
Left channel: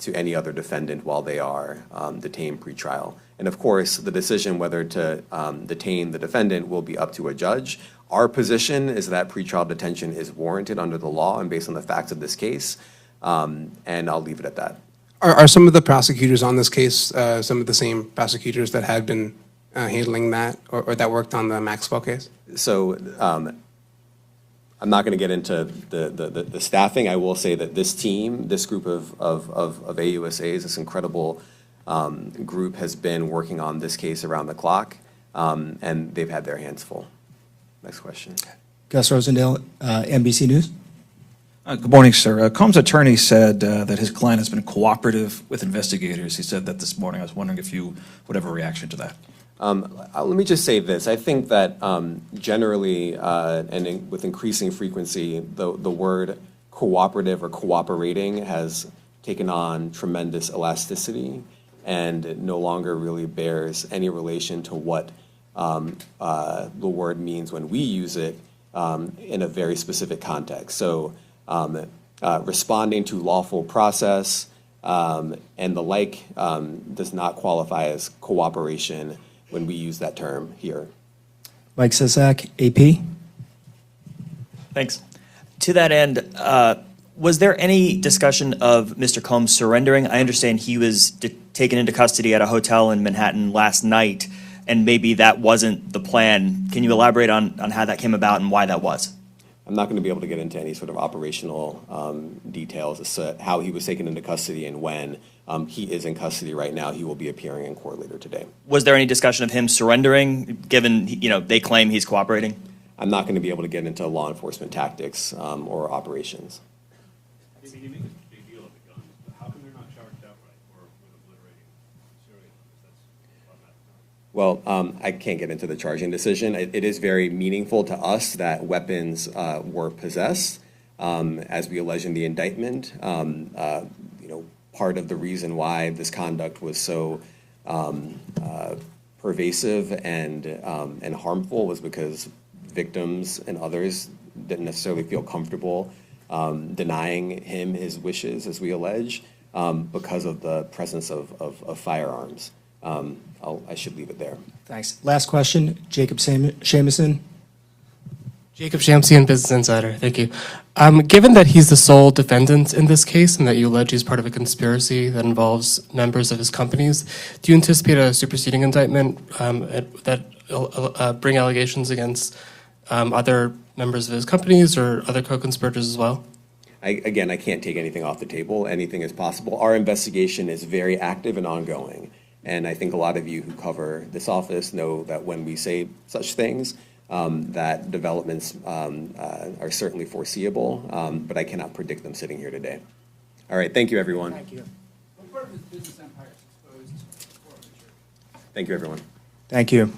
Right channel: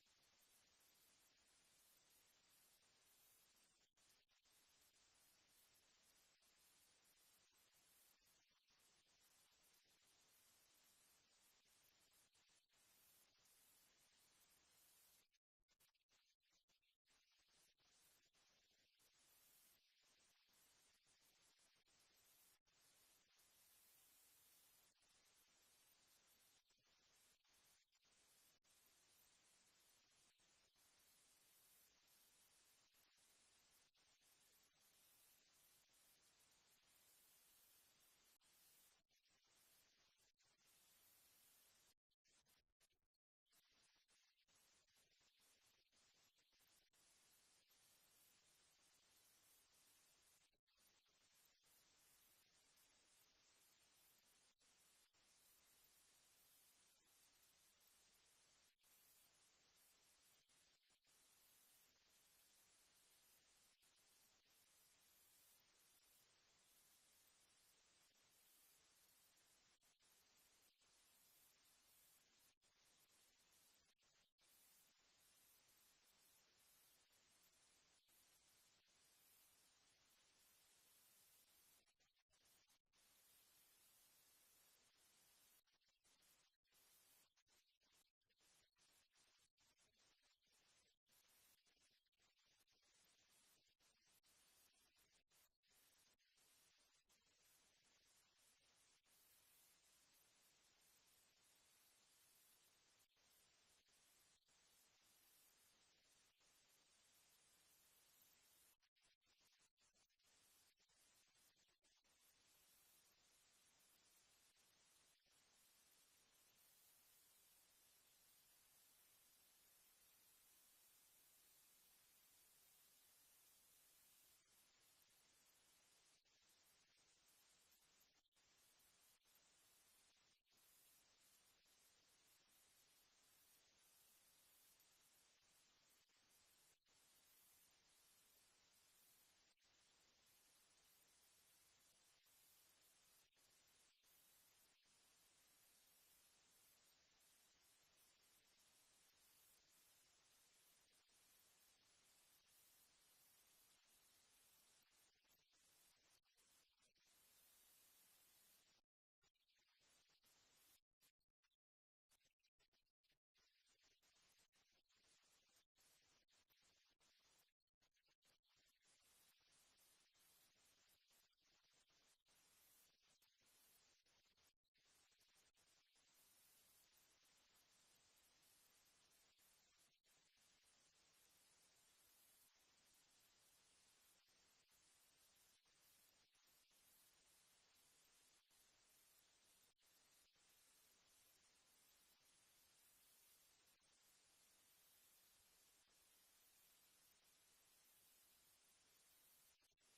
to any other defendant while they are detained pre-trial. And of course, the decision whether to detain the defendant will be up to a judge. Our position is that pretrial detention is warranted under the law and based on the facts of this case, and I'll leave it at that. Are some of the prosecutors on this case some of the same prosecutors that had been handling that, or that worked on the Maxwell case? So I'm not going to get into the staffing. I will say that this team, this group of AUSAs, this incredible group has been working on this case around the clock, and they've had their hands full. Next question. Gus Rosendale, NBC News. Good morning, sir. Combs' attorney said that his client has been cooperative with investigators. He said that this morning. I was wondering if you would have a reaction to that. Let me just say this. I think that generally and with increasing frequency, the word cooperative or cooperating has taken on tremendous elasticity and no longer really bears any relation to what the word means when we use it in a very specific context. So responding to lawful process and the like does not qualify as cooperation when we use that term here. Mike Sisak, AP. Thanks. To that end, was there any discussion of Mr. Combs surrendering? I understand he was taken into custody at a hotel in Manhattan last night, and maybe that wasn't the plan. Can you elaborate on how that came about and why that was? I'm not going to be able to get into any sort of operational details as to how he was taken into custody and when. He is in custody right now. He will be appearing in court later today. Was there any discussion of him surrendering, given they claim he's cooperating? I'm not going to be able to get into law enforcement tactics or operations. You make a big deal of the guns, but how come they're not charged outright or with obliterating serial numbers? Well, I can't get into the charging decision. It is very meaningful to us that weapons were possessed. As we allege in the indictment, part of the reason why this conduct was so pervasive and harmful was because victims and others didn't necessarily feel comfortable denying him his wishes, as we allege, because of the presence of firearms. I should leave it there. Thanks. Last question, Jacob Shamison. Jacob Shamsian, Business Insider. Thank you. Given that he's the sole defendant in this case and that you allege he's part of a conspiracy that involves members of his companies, do you anticipate a superseding indictment that bring allegations against other members of his companies or other co-conspirators as well? Again, I can't take anything off the table. Anything is possible. Our investigation is very active and ongoing. And I think a lot of you who cover this office know that when we say such things, that developments are certainly foreseeable, but I cannot predict them sitting here today. All right, thank you, everyone. Thank you. What part of his business empire is exposed before the jury? Thank you, everyone. Thank you.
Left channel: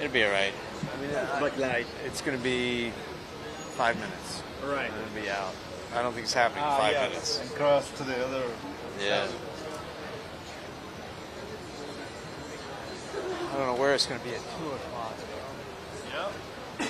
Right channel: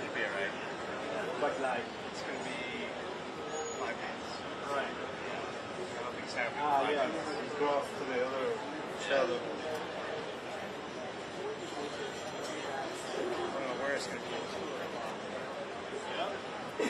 It'll be all right. Like night, it's going to be 5 minutes. Right. It'll be out. I don't think it's happening in 5 minutes. And cross to the other. Yeah. I don't know where it's going to be at 2 o'clock. Yeah.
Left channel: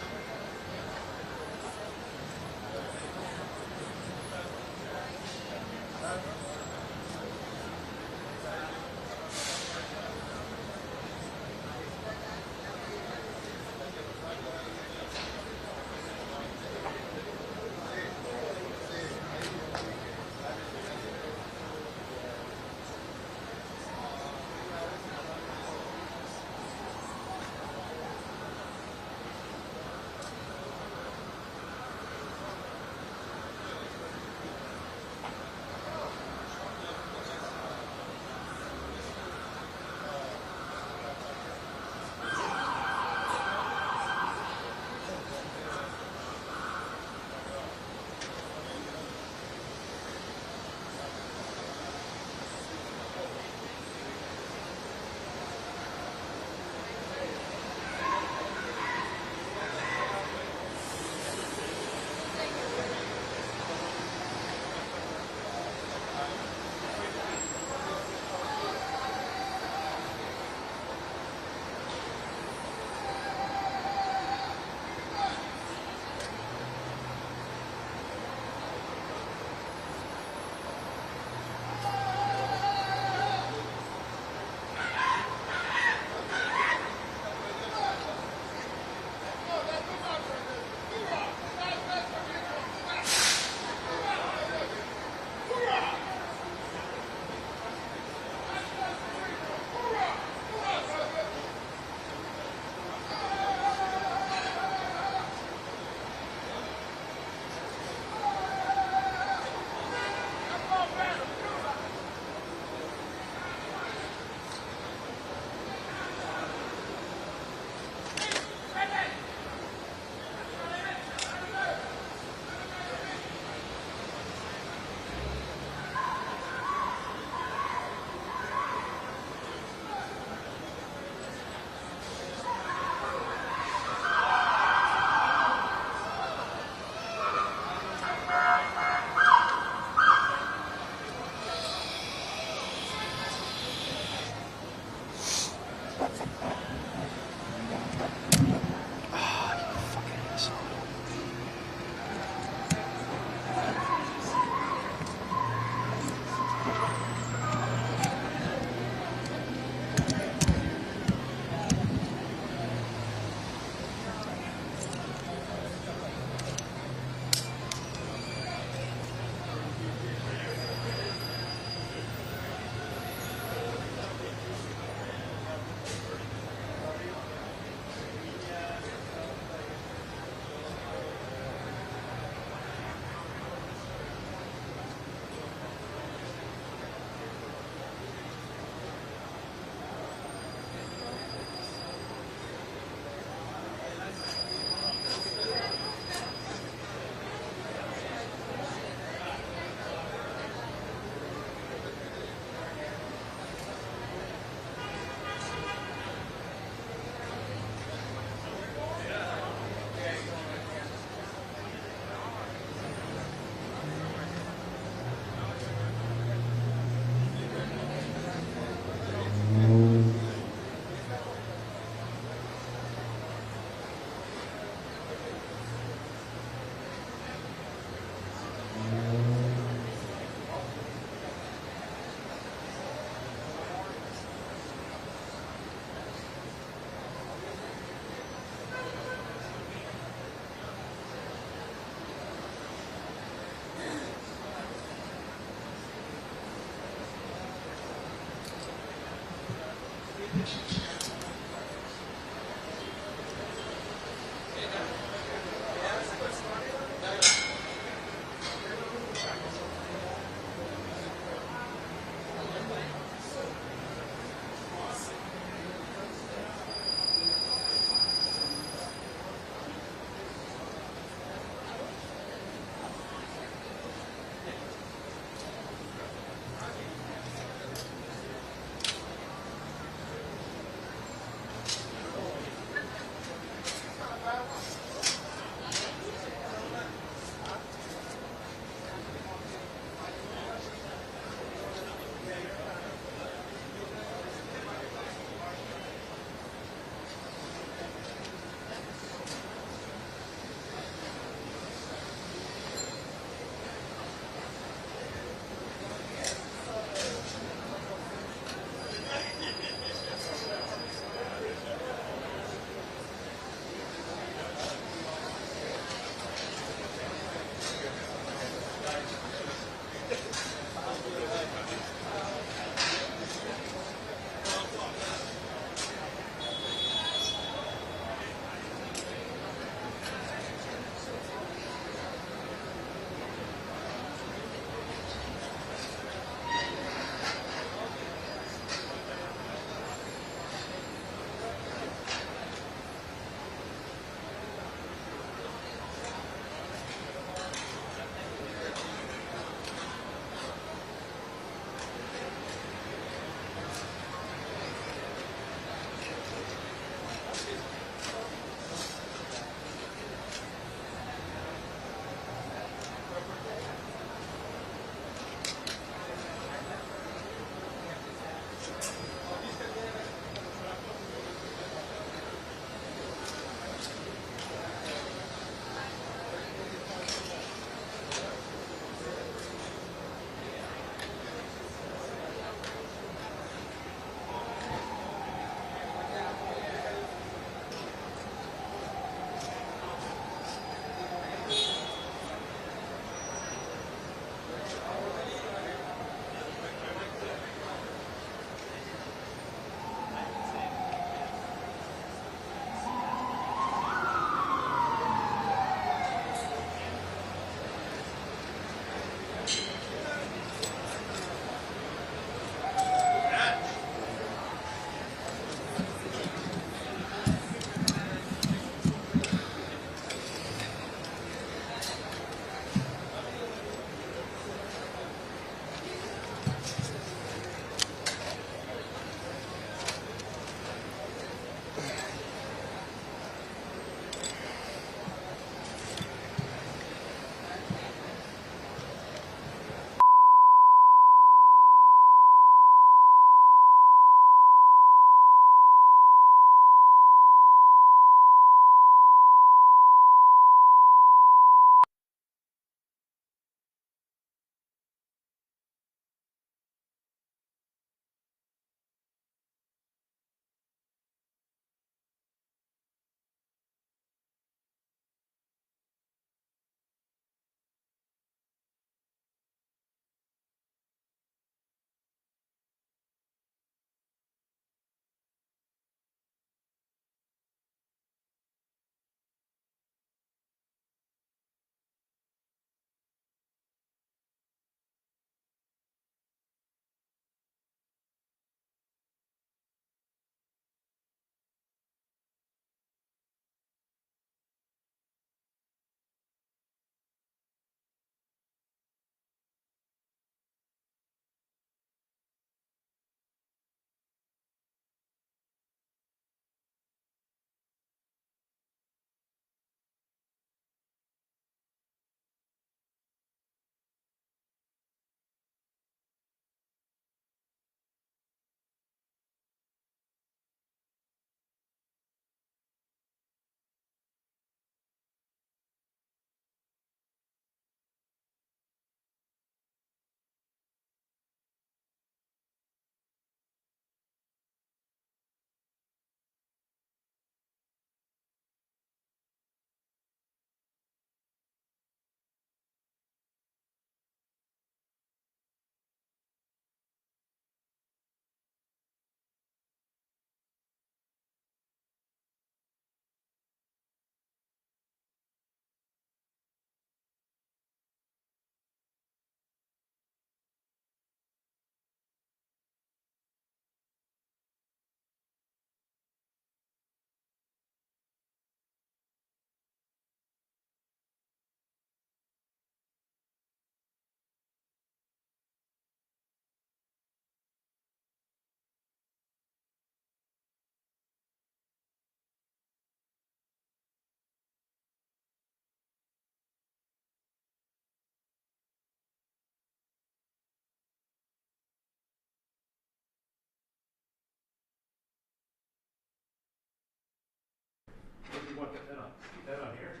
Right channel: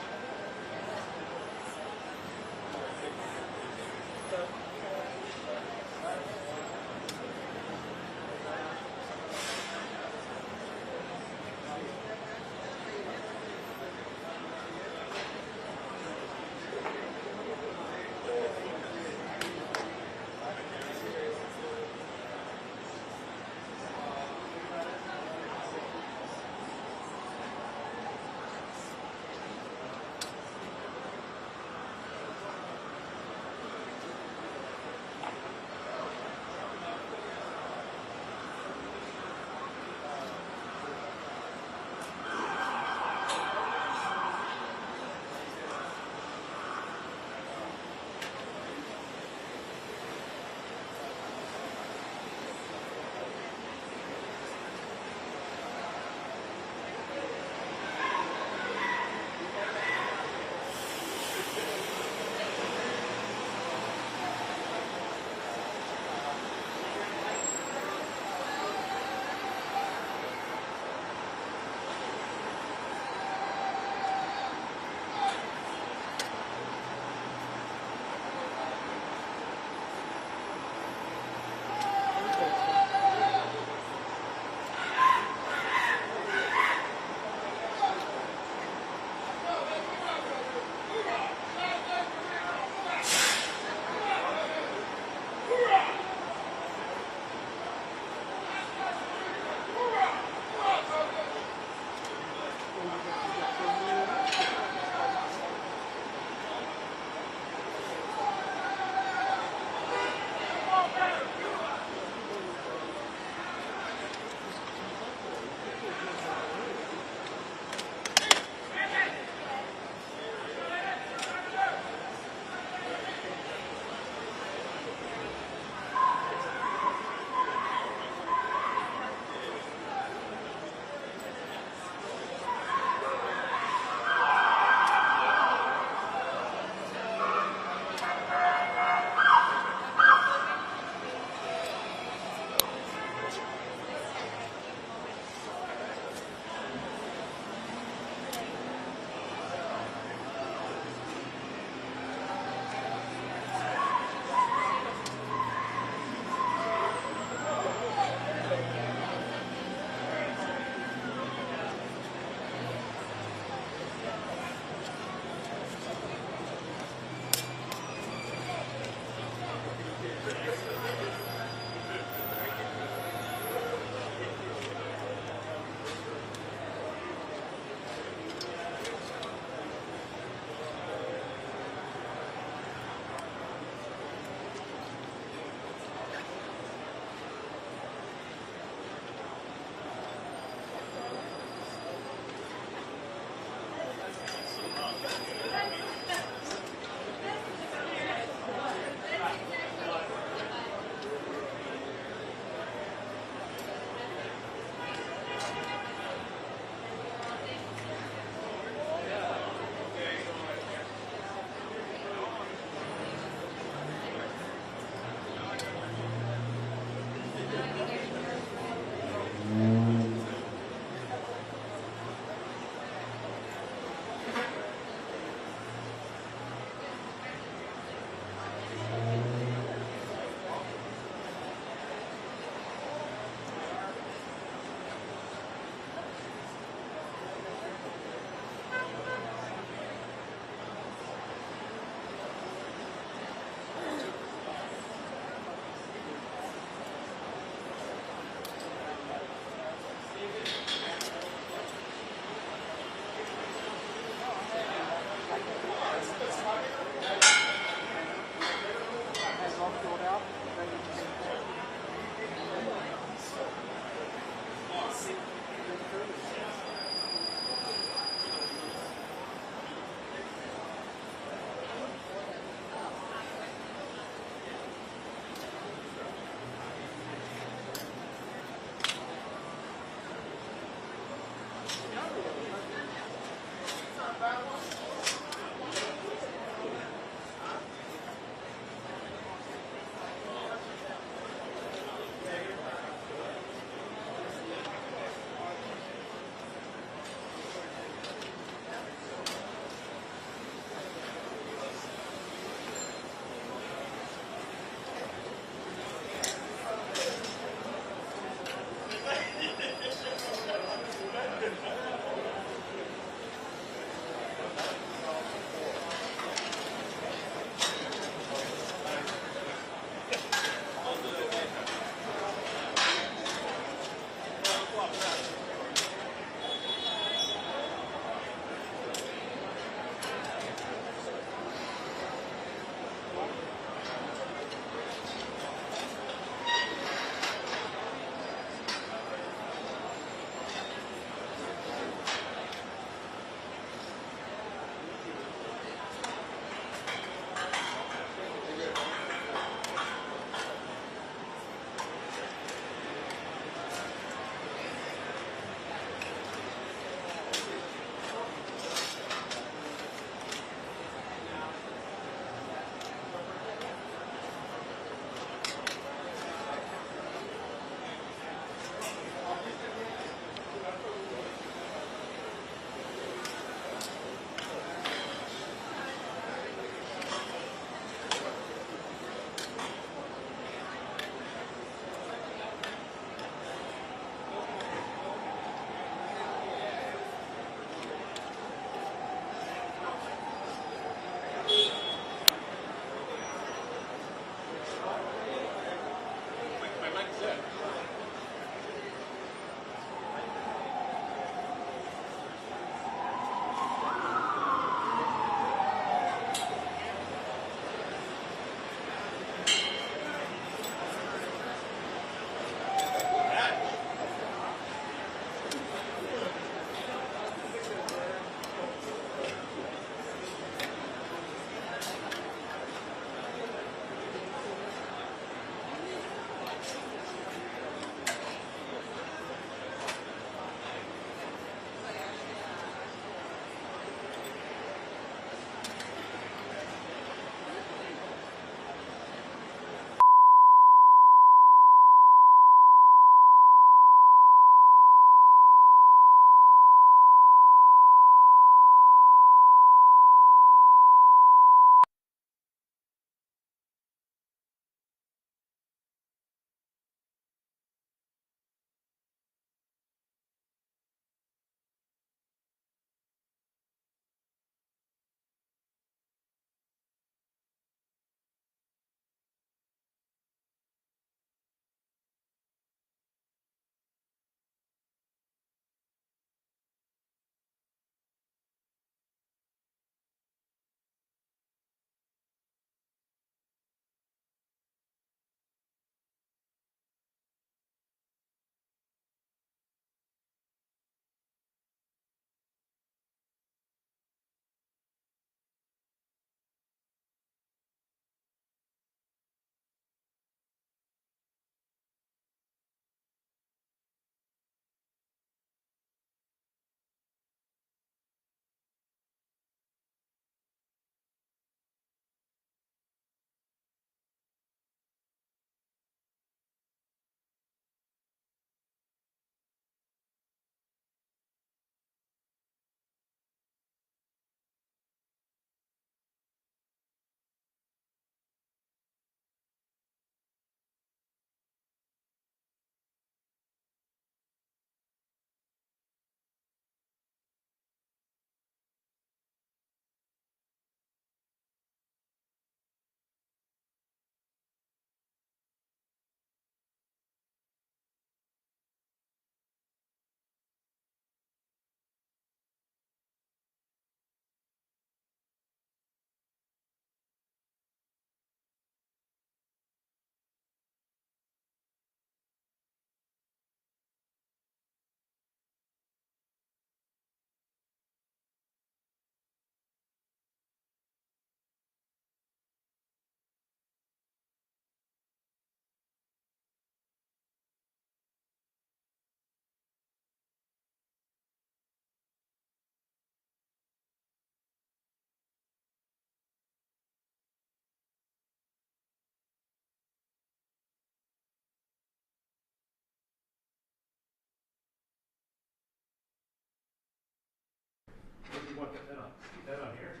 you want that on? That on here?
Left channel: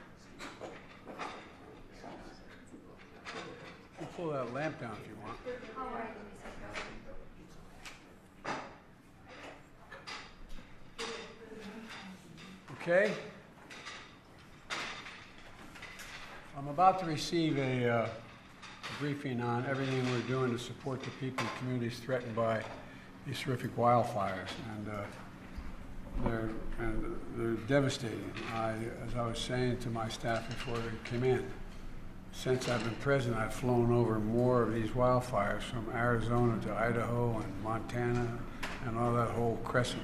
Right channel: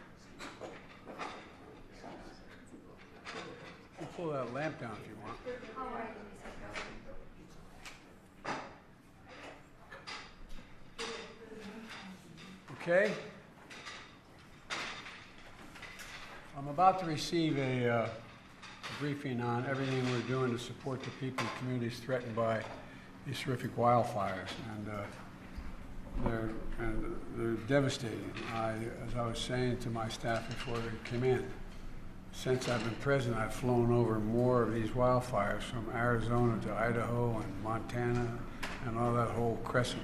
You pull that lamp down if you want. Okay. I'm about to receive a briefing on everything we're doing to support the people and communities threatened by these terrific wildfires, and they're devastating. As I was saying to my staff before they came in, since I've been president, I've flown over more of these wildfires from Arizona to Idaho and Montana and all that whole crescent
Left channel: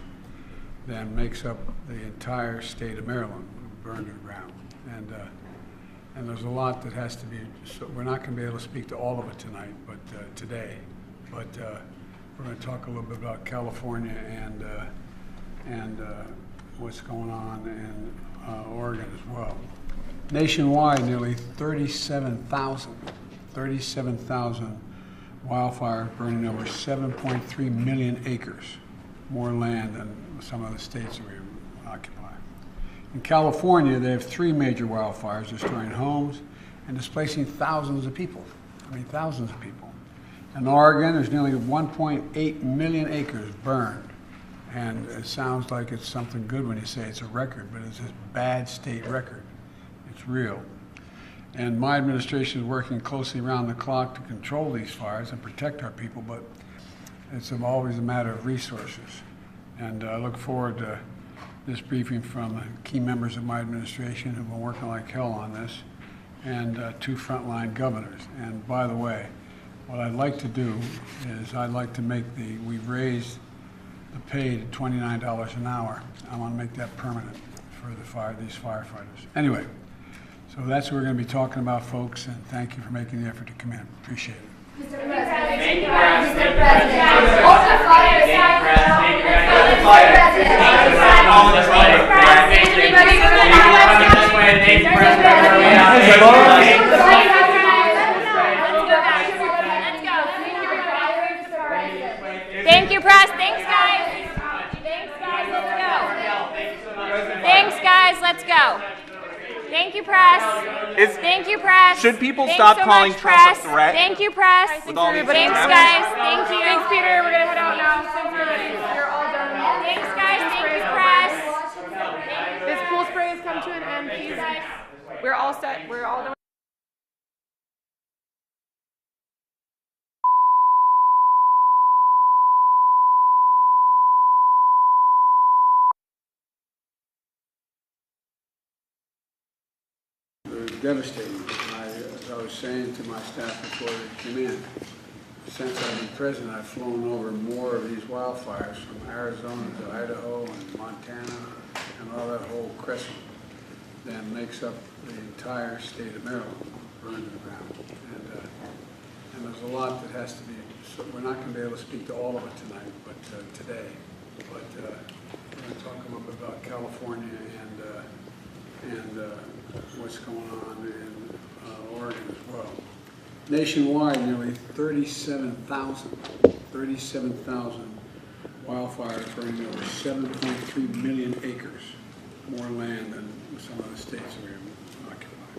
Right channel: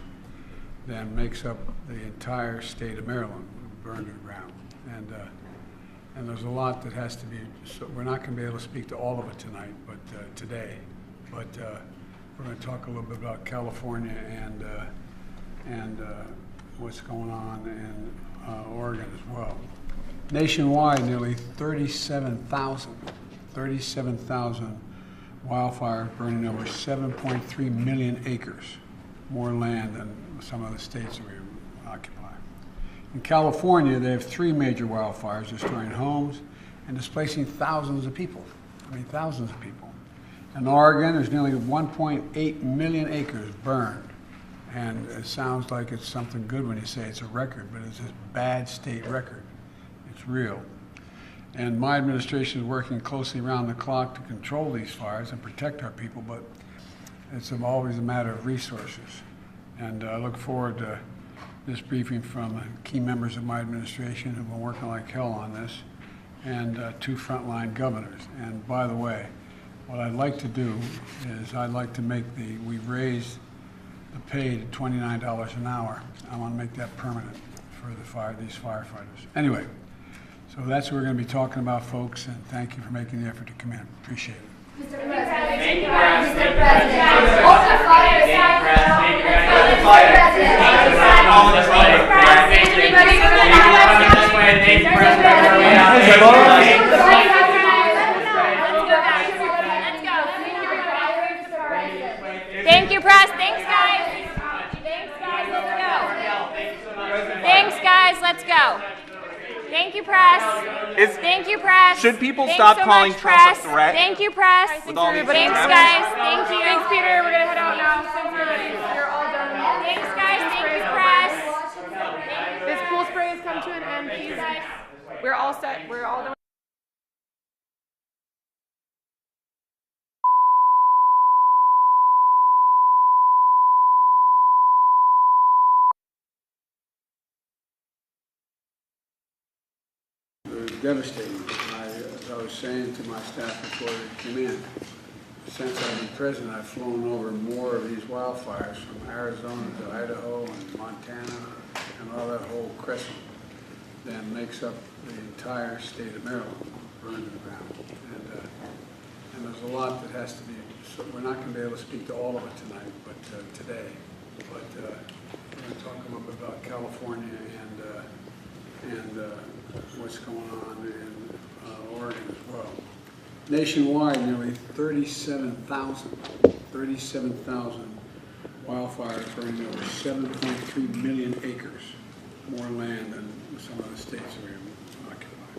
than makes up the entire state of Maryland, burned to the ground. And there's a lot that has to be, so we're not going to be able to speak to all of it tonight, but today. But we're going to talk a little bit about California and what's going on in Oregon as well. Nationwide, nearly 37,000 wildfires burning over 7.3 million acres, more land than some of the states that we occupy. In California, they have 3 major wildfires destroying homes and displacing thousands of people. Thousands of people. In Oregon, there's nearly 1.8 million acres burned. And it sounds like it's something good when you say it's a record, but it's a bad state record. It's real. And my administration is working closely around the clock to control these fires and protect our people, but it's always a matter of resources. And I look forward to this briefing from key members of my administration who've been working like hell on this, and 2 frontline governors. And by the way, what I'd like to do is I'd like to make we've raised the pay to $29 an hour. I want to make that permanent for these firefighters. Anyway, so that's what we're going to be talking about, folks, and thank you for making the effort to come in. Appreciate it. Mr. President. Thank you, Mr. President. Hold the fire. Hold the fire. Thank you, press. Thanks, guys. Thanks, guys. Let's go. Thanks, guys. Let's go. Thank you, press. Thank you, press. Should people Thanks stop so calling much, Trump press. a threat? Thank you, press. With all these Thanks, things guys. happening? Thank you. Thanks, Peter. We're going to head out now. Thanks, everybody. You're all done. Thanks, guys. Thank you, press. This pool spray has come to an end. Please. We're all set. We're all done. Devastating. As I was saying to my staff before they came in, since I've been president, I've flown over more of these wildfires from Arizona to Idaho and Montana and all that whole crescent than makes up the entire state of Maryland, burned to the ground. And there's a lot that has to be, so we're not going to be able to speak to all of it tonight, but today. But we're going to talk a little bit about California and what's going on in Oregon as well. Nationwide, nearly 37,000 wildfires burning over 7.3 million acres, more land than some of the states that we occupy.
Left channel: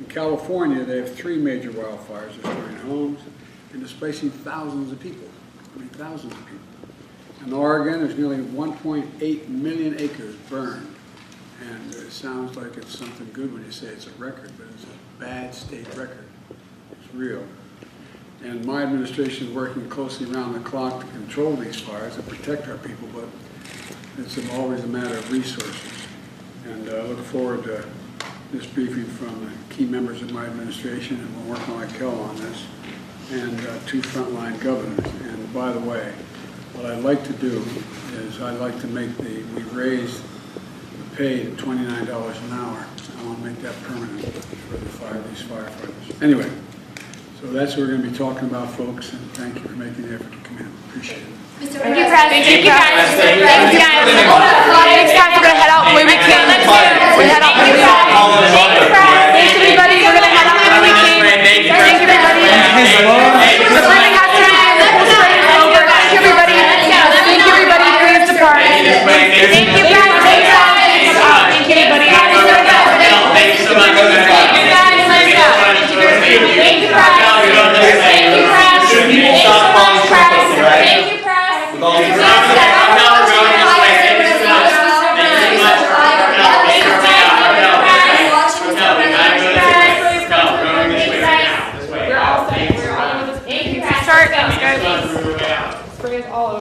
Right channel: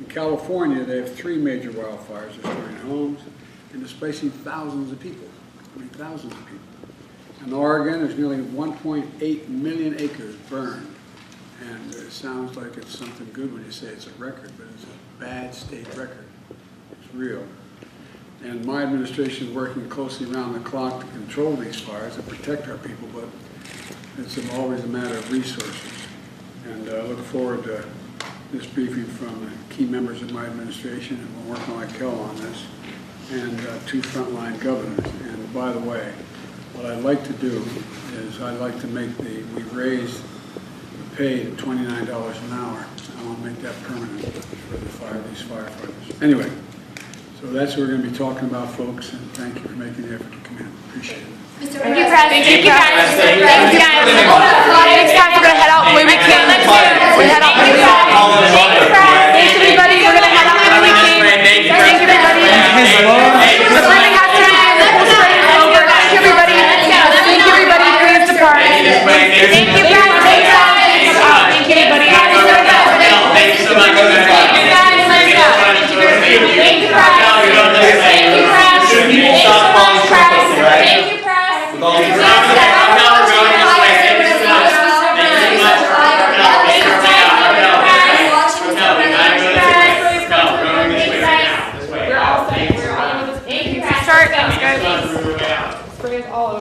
In California, they have 3 major wildfires destroying homes and displacing thousands of people. Thousands of people. In Oregon, there's nearly 1.8 million acres burned. And it sounds like it's something good when you say it's a record, but it's a bad state record. It's real. And my administration is working closely around the clock to control these fires and protect our people, but it's always a matter of resources. And I look forward to this briefing from key members of my administration who have been working like hell on this, and 2 frontline governors. And by the way, what I'd like to do is I'd like to make we've raised pay at $29 an hour. I want to make that permanent for these firefighters. Anyway, so that's what we're going to be talking about, folks, and thank you for making the effort to come in. Appreciate it. Thank you, press. Thank you, guys. Thanks, guys. Thanks, guys. We're going to head out the way we can. We head out the way we can. Thanks, press. Thanks, everybody. We're going to head out the way we can. Thank you, everybody. The burning has to end. The whole spray is over. Thank you, everybody. Thank you, everybody. Praise the party. Thank you, press. Thanks, guys. Thank you, everybody. sprays all over.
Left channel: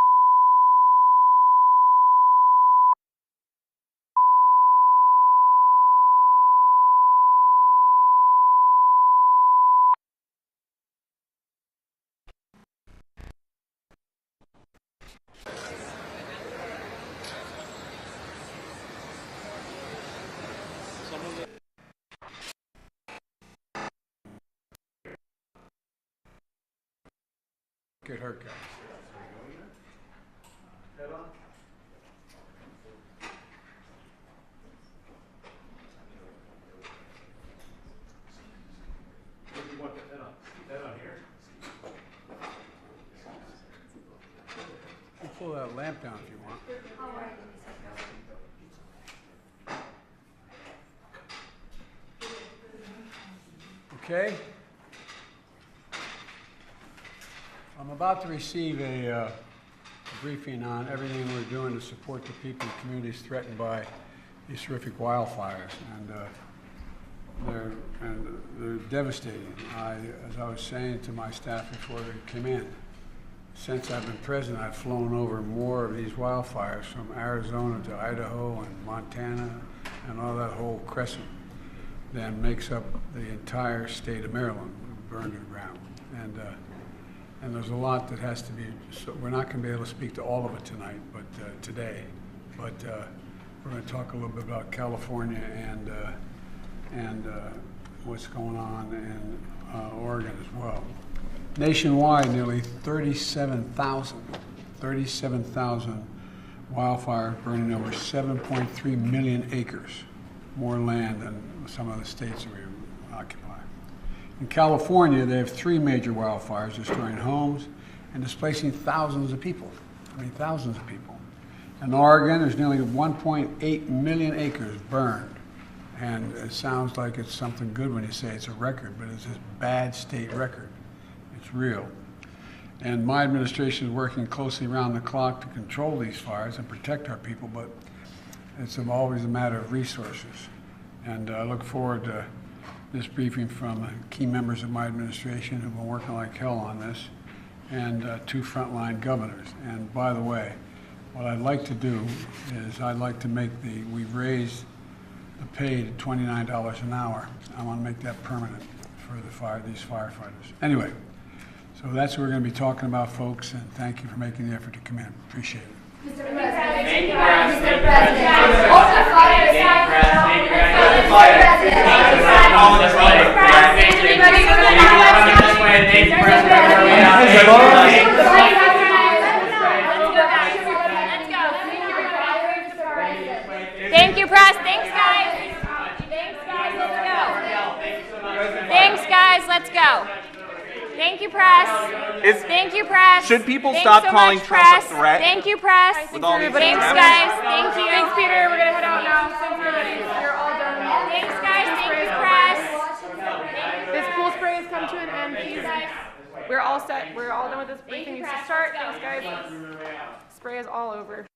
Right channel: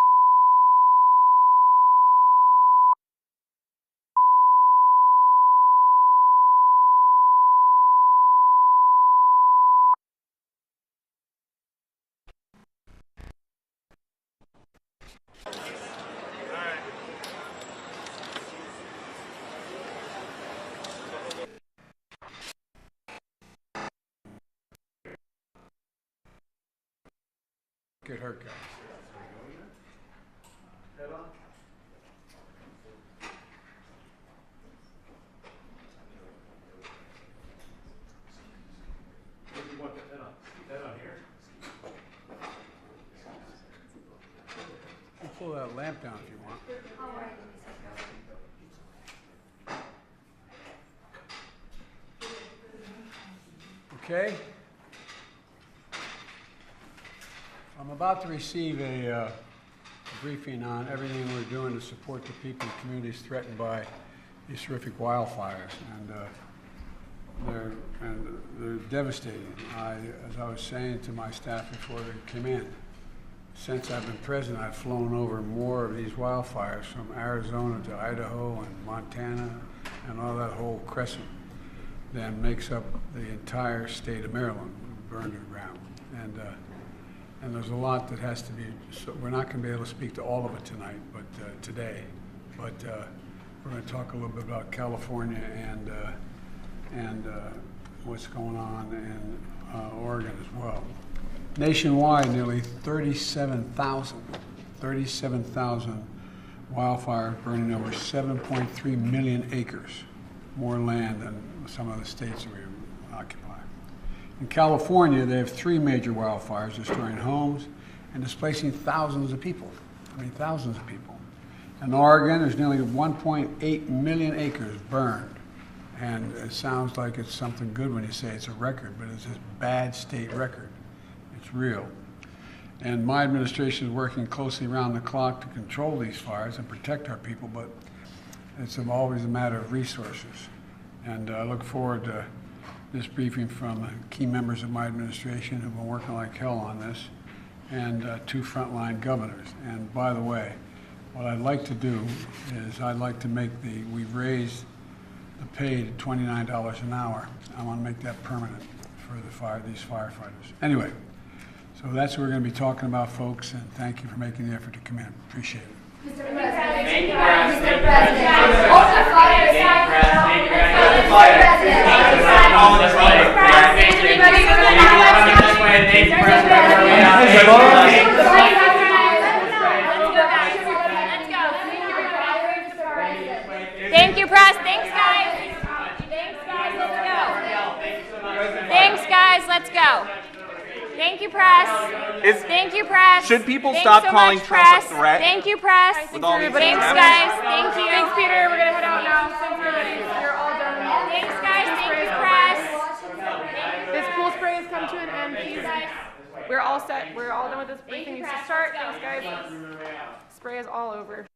Get her cut. You pull that lamp down if you want. Okay. I'm about to receive a briefing on everything we're doing to support the people and communities threatened by these horrific wildfires, and they're devastating. As I was saying to my staff before they came in, since I've been president, I've flown over more of these wildfires from Arizona to Idaho and Montana and all that whole crescent than makes up the entire state of Maryland, burned to the ground. And there's a lot that has to be, so we're not going to be able to speak to all of it tonight, but today. But we're going to talk a little bit about California and what's going on in Oregon as well. Nationwide, nearly 37,000 wildfires burning over 7.3 million acres, more land than some of the states that we occupy. In California, they have 3 major wildfires destroying homes and displacing thousands of people. Thousands of people. In Oregon, there's nearly 1.8 million acres burned. And it sounds like it's something good when you say it's a record, but it's a bad state record. It's real. And my administration is working closely around the clock to control these fires and protect our people, but it's always a matter of resources. And I look forward to this briefing from key members of my administration who've been working like hell on this, and 2 frontline governors. And by the way, what I'd like to do is I'd like to make we've raised the pay to $29 an hour. I want to make that permanent for these firefighters. Anyway, so that's what we're going to be talking about, folks, and thank you for making the effort to come in. Appreciate it. Thank you, Mr. President. Hold the fire, Thank you, press. Thanks, guys. Thanks, guys. Let's go. Thanks, guys. Let's go. Thank you, press. Thank you, press. Should people Thanks stop so calling much, Trump press. a threat? Thank you, press. With all these Thanks, threats? guys. Thank you. Thanks, Peter. We're gonna head out now. Thanks, everybody. You're all done. Thanks, guys. Thank you, press. This pool spray has come to an end. Please. We're all set. We're all done with this briefing. Needs to start. Thanks, guys. Spray is all over.